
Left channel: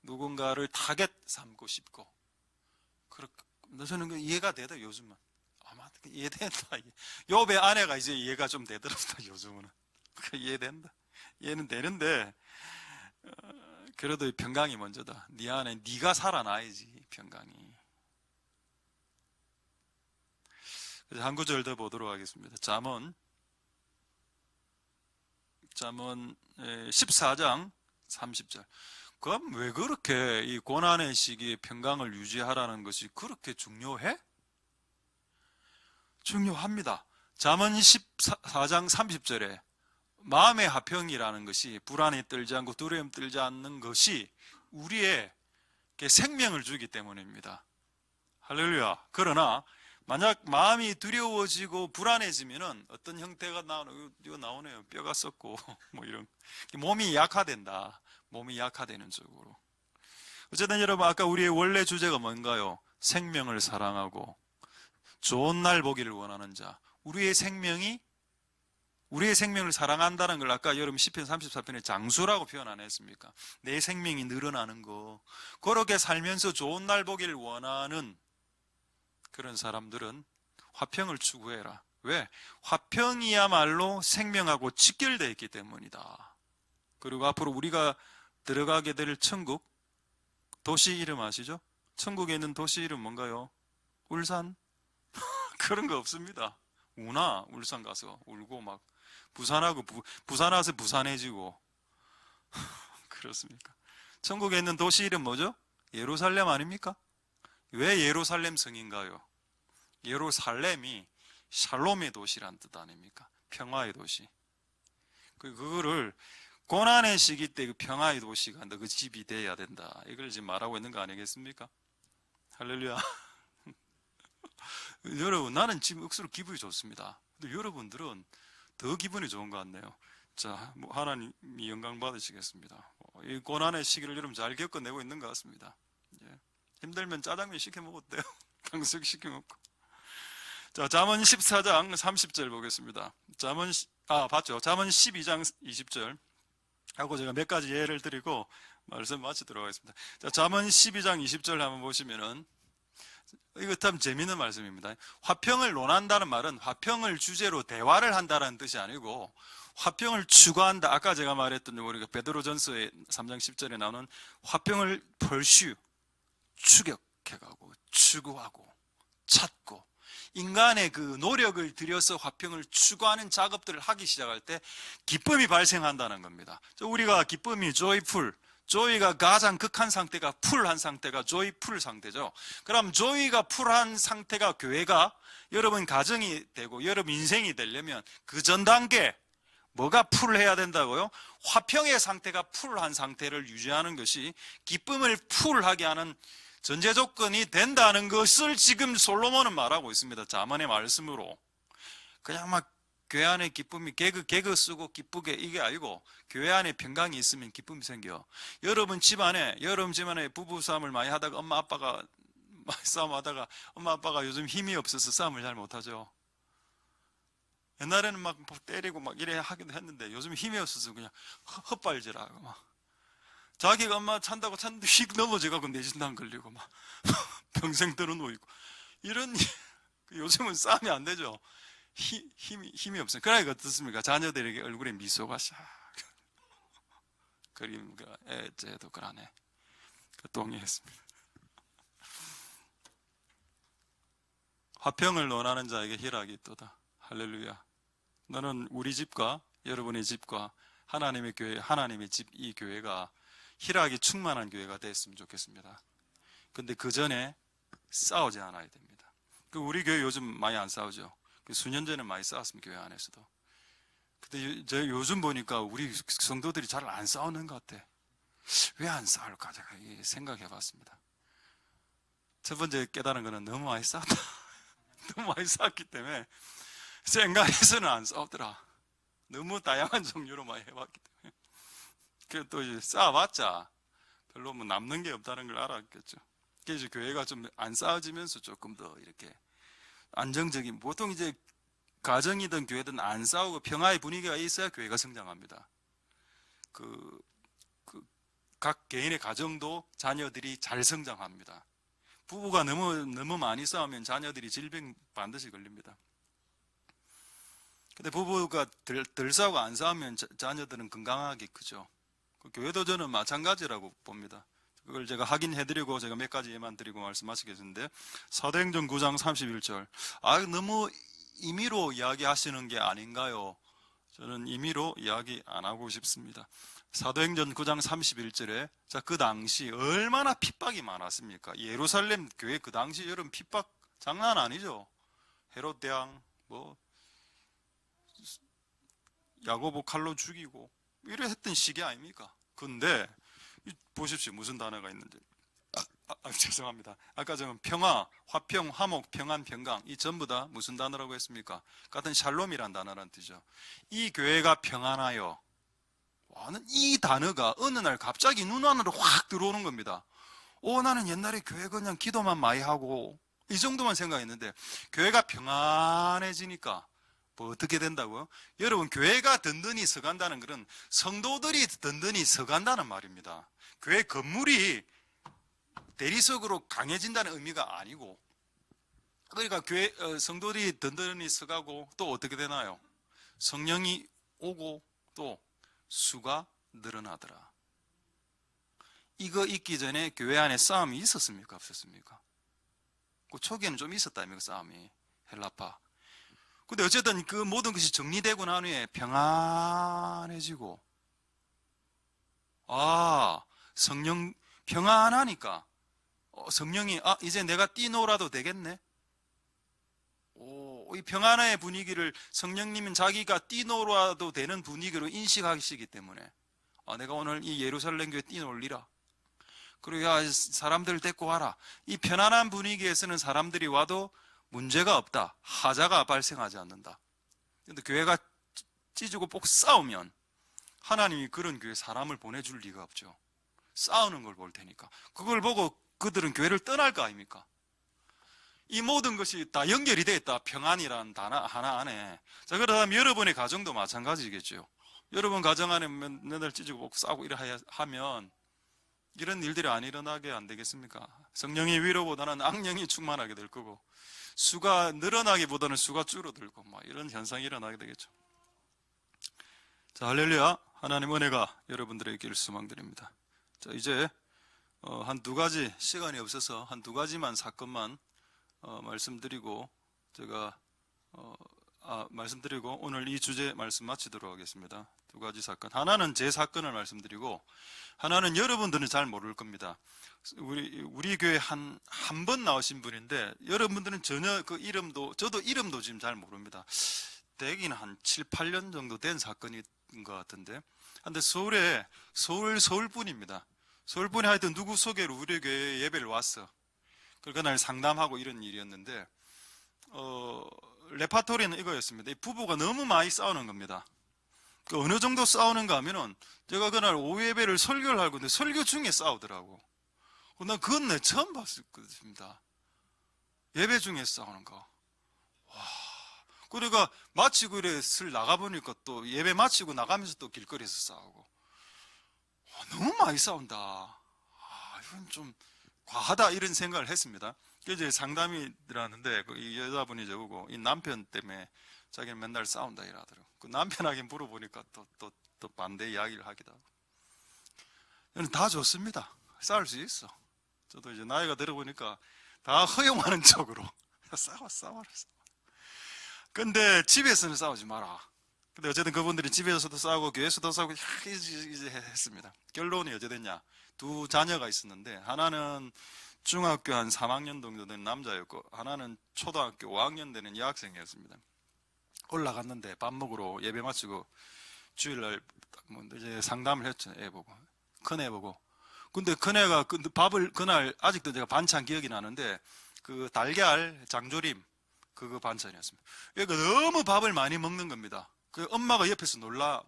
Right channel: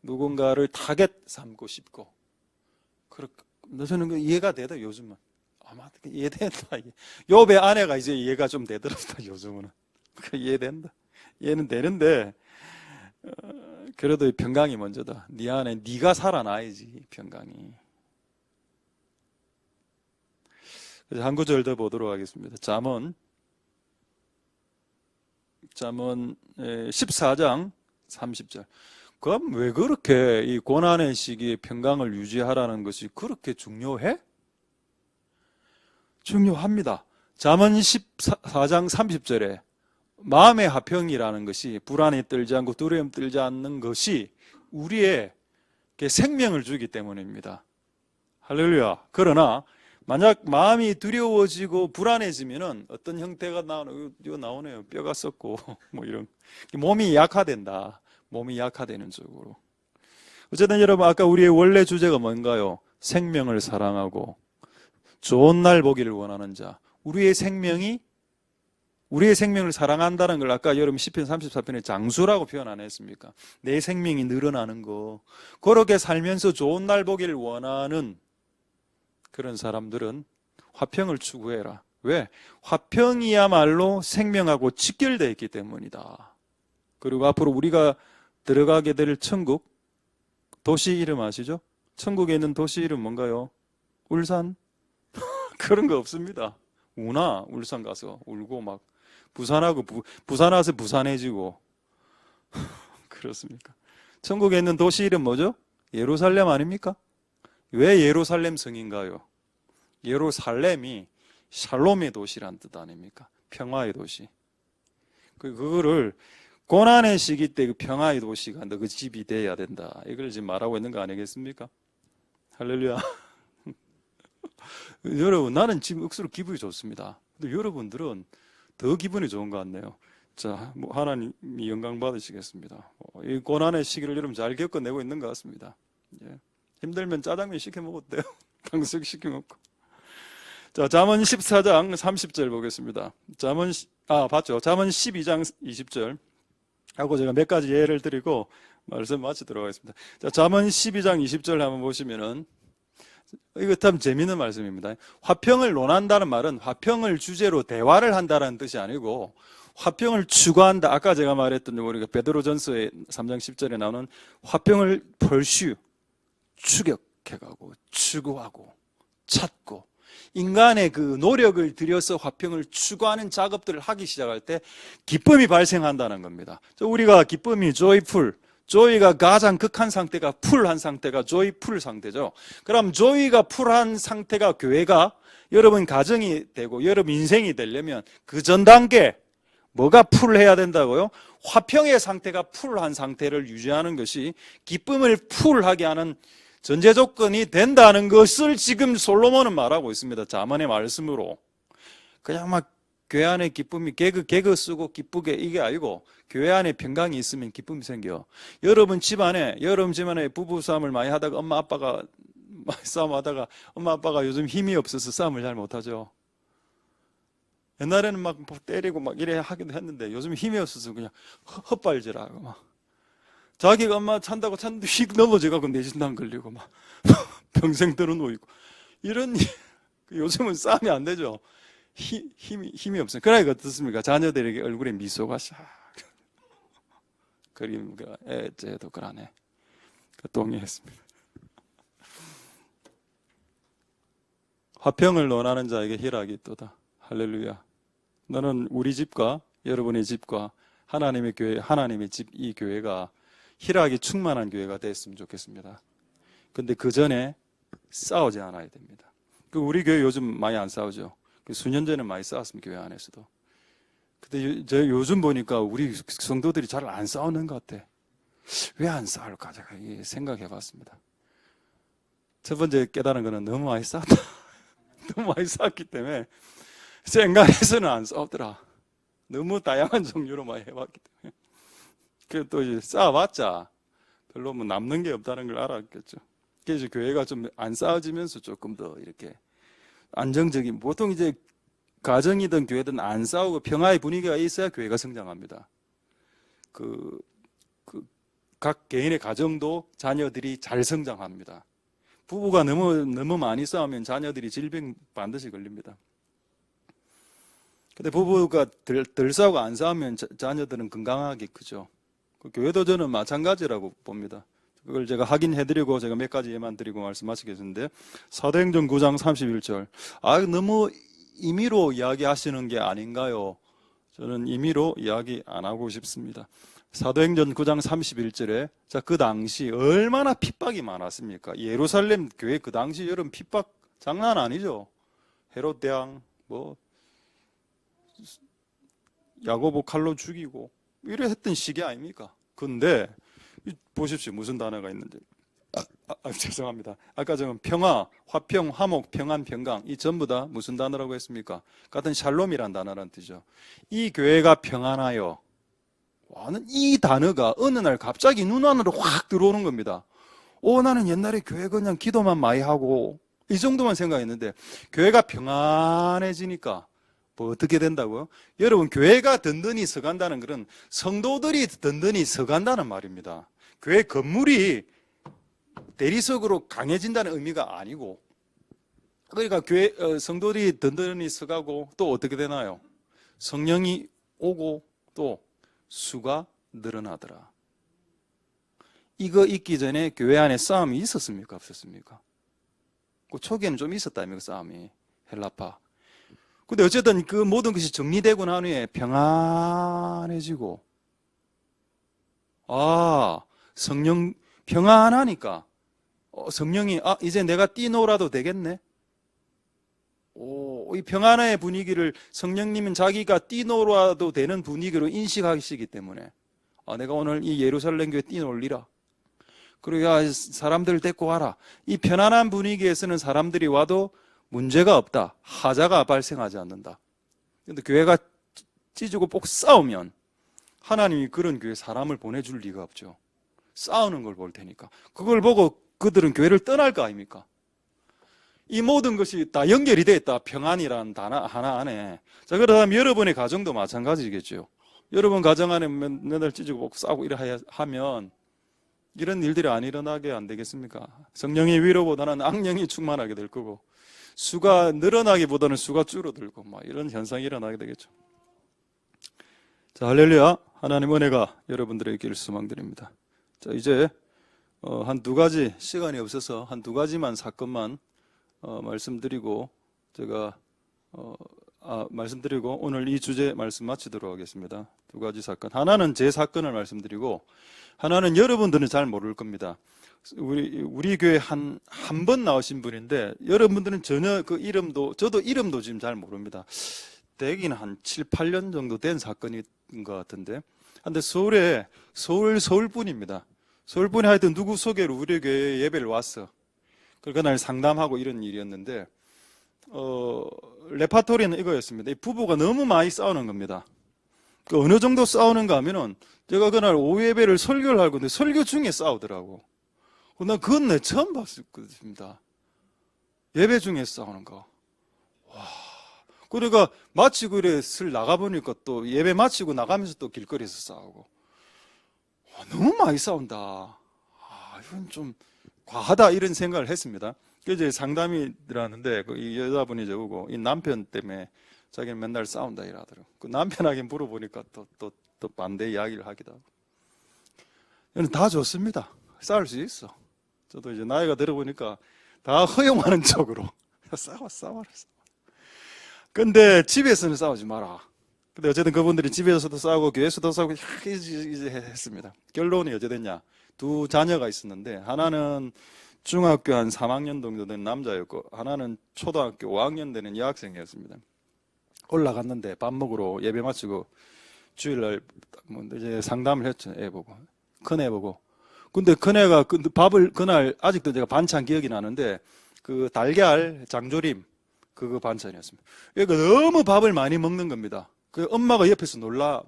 누군가를 타겟 삼고 싶고, 저는 이해가 되다. 요즘은 아마 이해된다. 욥의 아내가 이제 이해가 좀 되더랍니다. 요즘은 이해된다. 이해는 되는데 그래도 평강이 먼저다. 네 안에 네가 살아나야지 평강이. 그래서 한 구절 더 보도록 하겠습니다. 잠언 14장 30절. 그럼 왜 그렇게 이 고난의 시기에 평강을 유지하라는 것이 그렇게 중요해? 중요합니다. 잠언 14장 30절에 마음의 화평이라는 것이, 불안에 떨지 않고 두려움 떨지 않는 것이 우리의 생명을 주기 때문입니다. 할렐루야. 그러나 만약 마음이 두려워지고 불안해지면은 어떤 형태가 나오네요. 뼈가 썩고 뭐 이런, 몸이 약화된다. 몸이 약화되는 쪽으로. 어쨌든 여러분, 아까 우리의 원래 주제가 뭔가요? 생명을 사랑하고 좋은 날 보기를 원하는 자. 우리의 생명을 사랑한다는 걸 아까 여러분 시편 34편에 장수라고 표현 안 했습니까? 내 생명이 늘어나는 거. 그렇게 살면서 좋은 날 보기를 원하는 그런 사람들은 화평을 추구해라. 왜? 화평이야말로 생명하고 직결되어 있기 때문이다. 그리고 앞으로 우리가 들어가게 될 천국, 도시 이름 아시죠? 천국에 있는 도시 이름 뭔가요? 울산? 그런 거 없습니다. 우나 울산 가서 울고 막 부산 와서 부산해지고 그렇습니까? 천국에 있는 도시 이름 뭐죠? 예루살렘 아닙니까? 왜 예루살렘 성인가요? 예루살렘이 샬롬의 도시란 뜻 아닙니까? 평화의 도시. 그거를 고난의 시기 때 그 평화의 도시가 너 그 집이 돼야 된다. 이걸 지금 말하고 있는 거 아니겠습니까? 할렐루야. 여러분, 나는 지금 억수로 기분이 좋습니다. 근데 여러분들은 더 기분이 좋은 것 같네요. 자, 하나님이 영광 받으시겠습니다. 이 고난의 시기를 여러분 잘 겪어내고 있는 것 같습니다. 예. 힘들면 짜장면 시켜 먹어도 돼요. 탕수육 시켜 먹고. 자, 잠언 14장 30절 보겠습니다. 봤죠? 잠언 12장 20절 하고 제가 몇 가지 예를 드리고 말씀 마치도록 하겠습니다. 자, 잠언 12장 20절 한번 보시면은 이거 참 재미있는 말씀입니다. 화평을 논한다는 말은 화평을 주제로 대화를 한다는 뜻이 아니고 화평을 추구한다. 아까 제가 말했던 우리가 베드로전서의 3장 10절에 나오는 화평을 펄슈 추격해가고 추구하고 찾고 인간의 그 노력을 들여서 화평을 추구하는 작업들을 하기 시작할 때 기쁨이 발생한다는 겁니다. 우리가 기쁨이 조이가 가장 극한 상태가 풀한 상태가 조이풀 상태죠. 그럼 조이가 풀한 상태가 교회가 여러분 가정이 되고 여러분 인생이 되려면 그 전 단계 뭐가 풀해야 된다고요? 화평의 상태가 풀한 상태를 유지하는 것이 기쁨을 풀하게 하는 전제 조건이 된다는 것을 지금 솔로몬은 말하고 있습니다. 잠언의 말씀으로. 그냥 막 교회 안에 기쁨이 개그 쓰고 기쁘게 이게 아니고 교회 안에 평강이 있으면 기쁨이 생겨. 여러분 집안에 부부 싸움을 많이 하다가 엄마 아빠가 싸움하다가 엄마 아빠가 요즘 힘이 없어서 싸움을 잘 못하죠. 옛날에는 막 때리고 막 이래 하기도 했는데 요즘 힘이 없어서 그냥 헛발질하고 막 자기가 엄마 찬다고 찬데 휙 넘어져가고 뇌진단 걸리고 막 평생 들어놓이고 이런 요즘은 싸움이 안 되죠. 힘이 없어요. 그러니까 어떻습니까? 자녀들에게 얼굴에 미소가 샥 그림가 애째도 그러네. 동의했습니다. 화평을 논하는 자에게 희락이 있도다. 할렐루야. 너는 우리 집과 여러분의 집과 하나님의 교회, 하나님의 집, 이 교회가 희락이 충만한 교회가 됐으면 좋겠습니다. 근데 그 전에 싸우지 않아야 됩니다. 우리 교회 요즘 많이 안 싸우죠. 수년 전에 많이 싸웠습니다. 교회 안에서도. 근데 저 요즘 보니까 우리 성도들이 잘 안 싸우는 것 같아. 왜 안 싸울까? 제가 생각해 봤습니다. 첫 번째 깨달은 거는 너무 많이 싸웠다. 너무 많이 싸웠기 때문에 생각해서는 안 싸우더라. 너무 다양한 종류로 많이 해봤기 때문에. 그래서 또 이제 싸워봤자 별로 뭐 남는 게 없다는 걸 알았겠죠. 그래서 교회가 좀 안 싸워지면서 조금 더 이렇게 안정적인, 보통 이제 가정이든 교회든 안 싸우고 평화의 분위기가 있어야 교회가 성장합니다. 각 개인의 가정도 자녀들이 잘 성장합니다. 부부가 너무 많이 싸우면 자녀들이 질병 반드시 걸립니다. 근데 부부가 덜 싸우고 안 싸우면 자녀들은 건강하게 크죠. 교회도 저는 마찬가지라고 봅니다. 그걸 제가 확인해드리고 제가 몇 가지 예만 드리고 말씀하시겠는데, 사도행전 9장 31절. 너무 임의로 이야기하시는 게 아닌가요? 저는 임의로 이야기 안 하고 싶습니다. 사도행전 9장 31절에 그 당시 얼마나 핍박이 많았습니까? 예루살렘 교회 그 당시 여러분 핍박 장난 아니죠. 헤롯 대왕 야고보 칼로 죽이고 이래 했던 시기 아닙니까? 근데 보십시오. 무슨 단어가 있는지. 죄송합니다. 아까 저는 평화, 화평, 화목, 평안, 평강 이 전부 다 무슨 단어라고 했습니까? 같은 샬롬이란 단어란 뜻이죠. 이 교회가 평안하여. 이 단어가 어느 날 갑자기 눈 안으로 확 들어오는 겁니다. 나는 옛날에 교회 그냥 기도만 많이 하고 이 정도만 생각했는데 교회가 평안해지니까 어떻게 된다고요? 여러분, 교회가 든든히 서간다는 것은 성도들이 든든히 서간다는 말입니다. 교회 건물이 대리석으로 강해진다는 의미가 아니고, 그러니까 성도들이 든든히 서가고 또 어떻게 되나요? 성령이 오고 또 수가 늘어나더라. 이거 있기 전에 교회 안에 싸움이 있었습니까? 없었습니까? 그 초기에는 좀 있었다며, 싸움이. 헬라파. 근데 어쨌든 그 모든 것이 정리되고 난 후에 평안해지고, 성령 평안하니까 성령이 이제 내가 뛰놀아도 되겠네. 이 평안의 분위기를 성령님은 자기가 뛰놀아도 되는 분위기로 인식하시기 때문에 내가 오늘 이 예루살렘 교회 뛰놀리라. 그리고 사람들 데리고 와라. 이 편안한 분위기에서는 사람들이 와도 문제가 없다. 하자가 발생하지 않는다. 그런데 교회가 찢고 꼭 싸우면 하나님이 그런 교회 사람을 보내줄 리가 없죠. 싸우는 걸 볼 테니까. 그걸 보고 그들은 교회를 떠날 거 아닙니까? 이 모든 것이 다 연결이 되어 있다. 평안이라는 단어 하나 안에. 자, 그러다면 여러분의 가정도 마찬가지겠죠. 여러분 가정 안에 맨날 찢고 먹고 싸우고 이래 하면 이런 일들이 안 일어나게 안 되겠습니까? 성령의 위로보다는 악령이 충만하게 될 거고, 수가 늘어나기보다는 수가 줄어들고 이런 현상이 일어나게 되겠죠. 자, 할렐루야. 하나님 은혜가 여러분들에게 있기를 소망드립니다. 자, 이제 한 두 가지, 시간이 없어서 한 두 가지만 사건만 말씀드리고 제가 말씀드리고 오늘 이 주제 말씀 마치도록 하겠습니다. 두 가지 사건. 하나는 제 사건을 말씀드리고, 하나는 여러분들은 잘 모를 겁니다. 우리 교회 한 번 나오신 분인데 여러분들은 전혀 그 이름도, 저도 이름도 지금 잘 모릅니다. 대기는 한 7, 8년 정도 된 사건인 것 같은데, 근데 서울분입니다. 서울분이 하여튼 누구 소개로 우리 교회에 예배를 왔어. 그날 상담하고 이런 일이었는데, 레파토리는 이거였습니다. 이 부부가 너무 많이 싸우는 겁니다. 그 어느 정도 싸우는가 하면은, 제가 그날 오후 예배를 설교를 하고 있는데 설교 중에 싸우더라고. 난 그건 내 처음 봤습니다. 예배 중에 싸우는 거. 와. 그러니까 마치고 이래 슬 나가보니까 또 예배 마치고 나가면서 또 길거리에서 싸우고. 와, 너무 많이 싸운다. 이건 좀 과하다 이런 생각을 했습니다. 그래서 이제 상담이 들어왔는데 이 여자분이 저보고 이 남편 때문에 자기는 맨날 싸운다 이러더라고요. 그 남편에게 물어보니까 또 반대 이야기를 하기도 하고. 저는 다 좋습니다. 싸울 수 있어. 저도 이제 나이가 들어보니까 다 허용하는 쪽으로 싸워라. 근데 집에서는 싸우지 마라. 근데 어쨌든 그분들이 집에서도 싸우고 교회에서도 싸우고 이제 했습니다. 결론이 어찌 됐냐? 두 자녀가 있었는데 하나는 중학교 한 3학년 정도 된 남자였고 하나는 초등학교 5학년 되는 여학생이었습니다. 올라갔는데 밥 먹으러 예배 마치고 주일날 이제 상담을 했죠. 애 보고, 큰 애 보고. 근데 큰애가 밥을 그날 아직도 제가 반찬 기억이 나는데 그 달걀 장조림 그거 반찬이었습니다. 그러니까 너무 밥을 많이 먹는 겁니다. 그 엄마가 옆에서 놀라.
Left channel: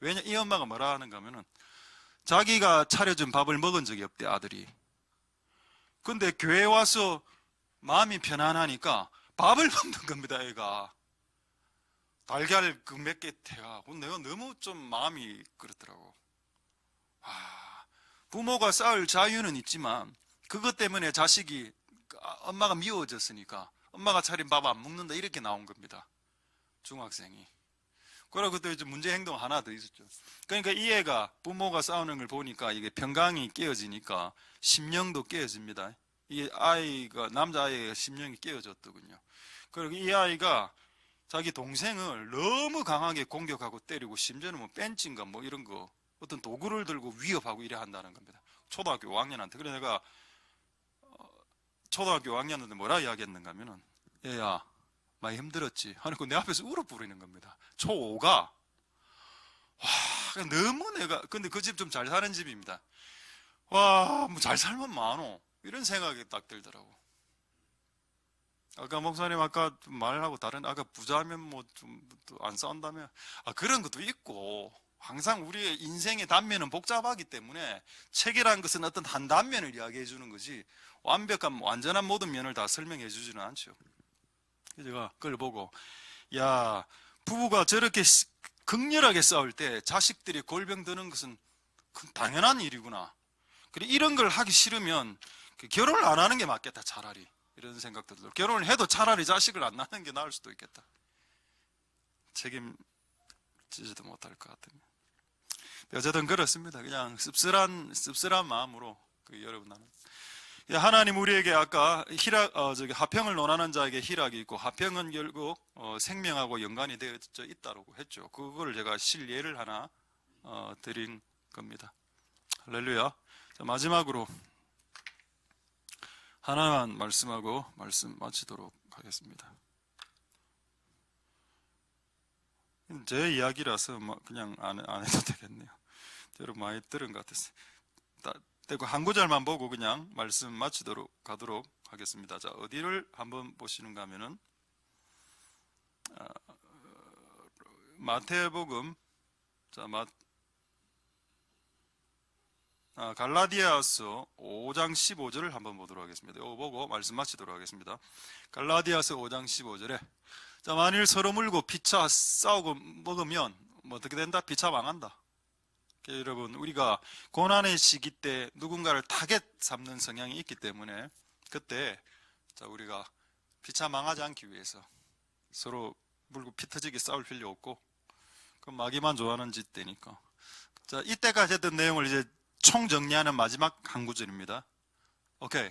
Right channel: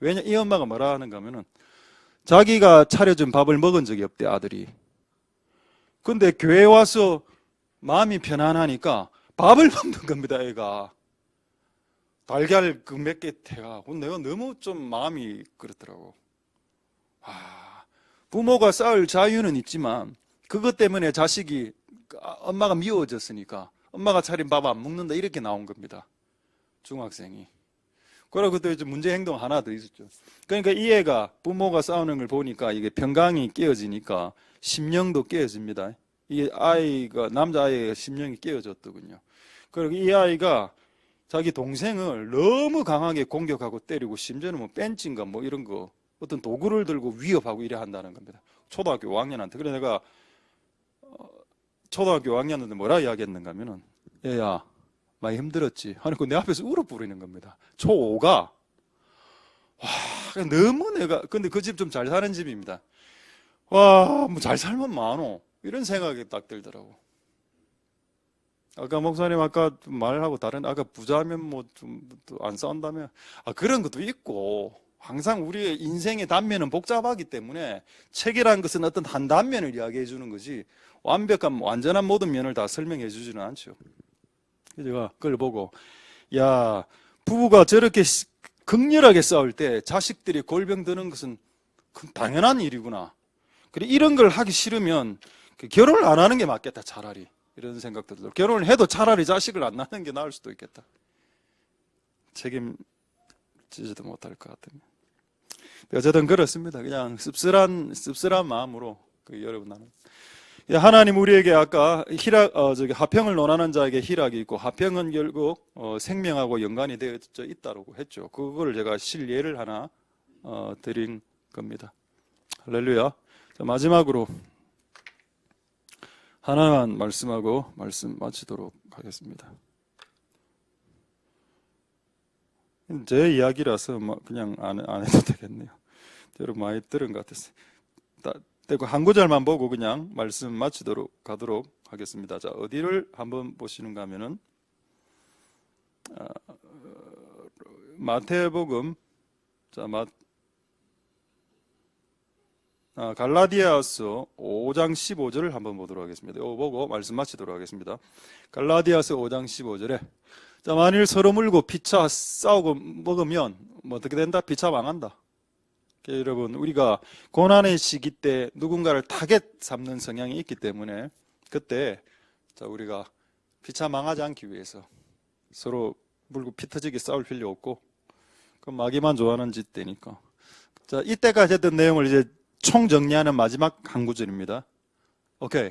왜냐 이 엄마가 뭐라 하는가 하면은 자기가 차려준 밥을 먹은 적이 없대 아들이. 근데 교회 와서 마음이 편안하니까 밥을 먹는 겁니다. 애가 달걀 그 몇 개 태가. 내가 너무 좀 마음이 그렇더라고. 부모가 싸울 자유는 있지만 그것 때문에 자식이 엄마가 미워졌으니까 엄마가 차린 밥 안 먹는다 이렇게 나온 겁니다. 중학생이. 그리고 또 이제 문제 행동 하나 더 있었죠. 그러니까 이 애가 부모가 싸우는 걸 보니까 이게 평강이 깨어지니까 심령도 깨어집니다. 이 아이가 남자아이가 심령이 깨어졌더군요. 그리고 이 아이가 자기 동생을 너무 강하게 공격하고 때리고 심지어는 뭐 벤치인가 뭐 이런 거 어떤 도구를 들고 위협하고 이래 한다는 겁니다. 초등학교 5학년한테. 그래 내가 초등학교 5학년한테 뭐라 이야기했는가 하면은 얘야 많이 힘들었지 하니까 내 앞에서 울어 부르는 겁니다. 초5가 와 너무 내가 근데 그 집 좀 잘 사는 집입니다. 와 뭐 잘 살면 많어 이런 생각이 딱 들더라고. 아까 목사님 아까 말하고 다른 아까 부자면 뭐 좀 안 싸운다며 그런 것도 있고 항상 우리의 인생의 단면은 복잡하기 때문에 책이라는 것은 어떤 한 단면을 이야기해 주는 거지 완벽한 완전한 모든 면을 다 설명해 주지는 않죠. 그래서 제가 그걸 보고 야 부부가 저렇게 극렬하게 싸울 때 자식들이 골병 드는 것은 당연한 일이구나. 그래 이런 걸 하기 싫으면 결혼을 안 하는 게 맞겠다 차라리 이런 생각도 들고 결혼을 해도 차라리 자식을 안 낳는 게 나을 수도 있겠다. 책임지지도 못할 것 같으면 어쨌든 그렇습니다. 그냥 씁쓸한 마음으로 여러분 나는 하나님 우리에게 아까 화평을 논하는 자에게 희락이 있고 화평은 결국 생명하고 연관이 되어 있다고 했죠. 그걸 제가 실예를 하나 드린 겁니다. 할렐루야. 자, 마지막으로 하나만 말씀하고 말씀 마치도록 하겠습니다. 제 이야기라서 그냥 안 해도 되겠네요. 여러분 많이 들은 것 같았어요. 한 구절만 보고 그냥 말씀 마치도록 가도록 하겠습니다. 자, 어디를 한번 보시는가 하면은 마태복음 자 갈라디아서 5장 15절을 한번 보도록 하겠습니다. 이거 보고 말씀 마치도록 하겠습니다. 갈라디아서 5장 15절에 자, 만일 서로 물고 피차 싸우고 먹으면 뭐 어떻게 된다? 피차 망한다. 여러분, 우리가 고난의 시기 때 누군가를 타겟 삼는 성향이 있기 때문에 그때 자, 우리가 피차 망하지 않기 위해서 서로 물고 피 터지게 싸울 필요 없고 그 마귀만 좋아하는 짓대니까. 자, 이때까지 했던 내용을 이제 총정리하는 마지막 한 구절입니다. 오케이.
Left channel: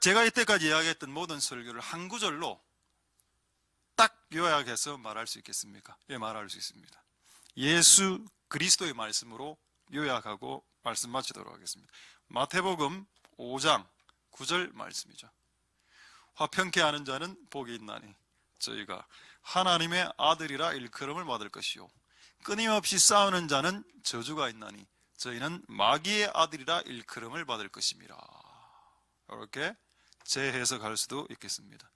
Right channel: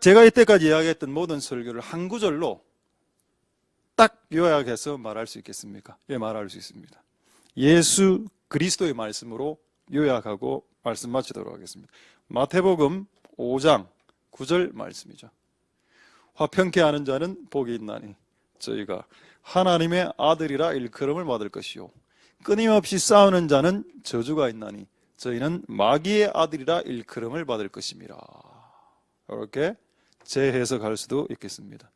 제가 이때까지 이야기했던 모든 설교를 한 구절로 딱 요약해서 말할 수 있겠습니까? 예, 말할 수 있습니다. 예수 그리스도의 말씀으로 요약하고 말씀 마치도록 하겠습니다. 마태복음 5장 9절 말씀이죠. 화평케 하는 자는 복이 있나니 저희가 하나님의 아들이라 일컬음을 받을 것이요 끊임없이 싸우는 자는 저주가 있나니 저희는 마귀의 아들이라 일컬음을 받을 것입니다. 이렇게 재해석할 수도 있겠습니다.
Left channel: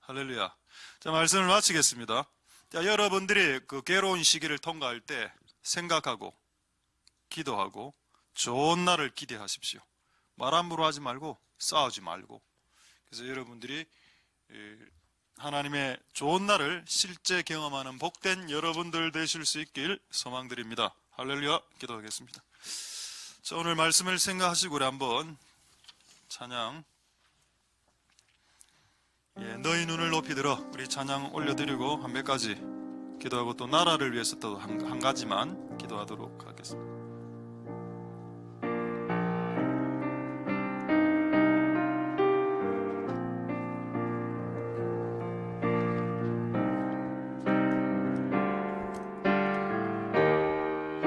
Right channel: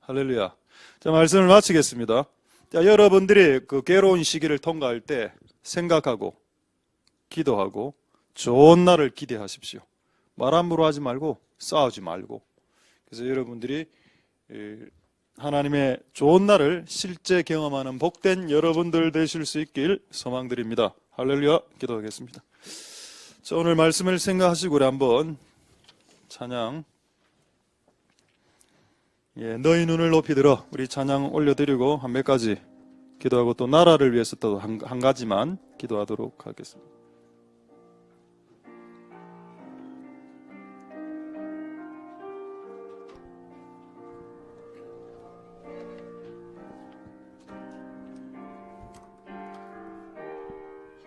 할렐루야. 자, 말씀을 마치겠습니다. 자, 여러분들이 그 괴로운 시기를 통과할 때 생각하고 기도하고 좋은 날을 기대하십시오. 말 함부로 하지 말고 싸우지 말고. 그래서 여러분들이 하나님의 좋은 날을 실제 경험하는 복된 여러분들 되실 수 있길 소망드립니다. 할렐루야. 기도하겠습니다. 자, 오늘 말씀을 생각하시고 우리 한번 찬양 너희 눈을 높이 들어 우리 찬양 올려드리고 한 몇 가지 기도하고 또 나라를 위해서 또 한 가지만 기도하도록 하겠습니다.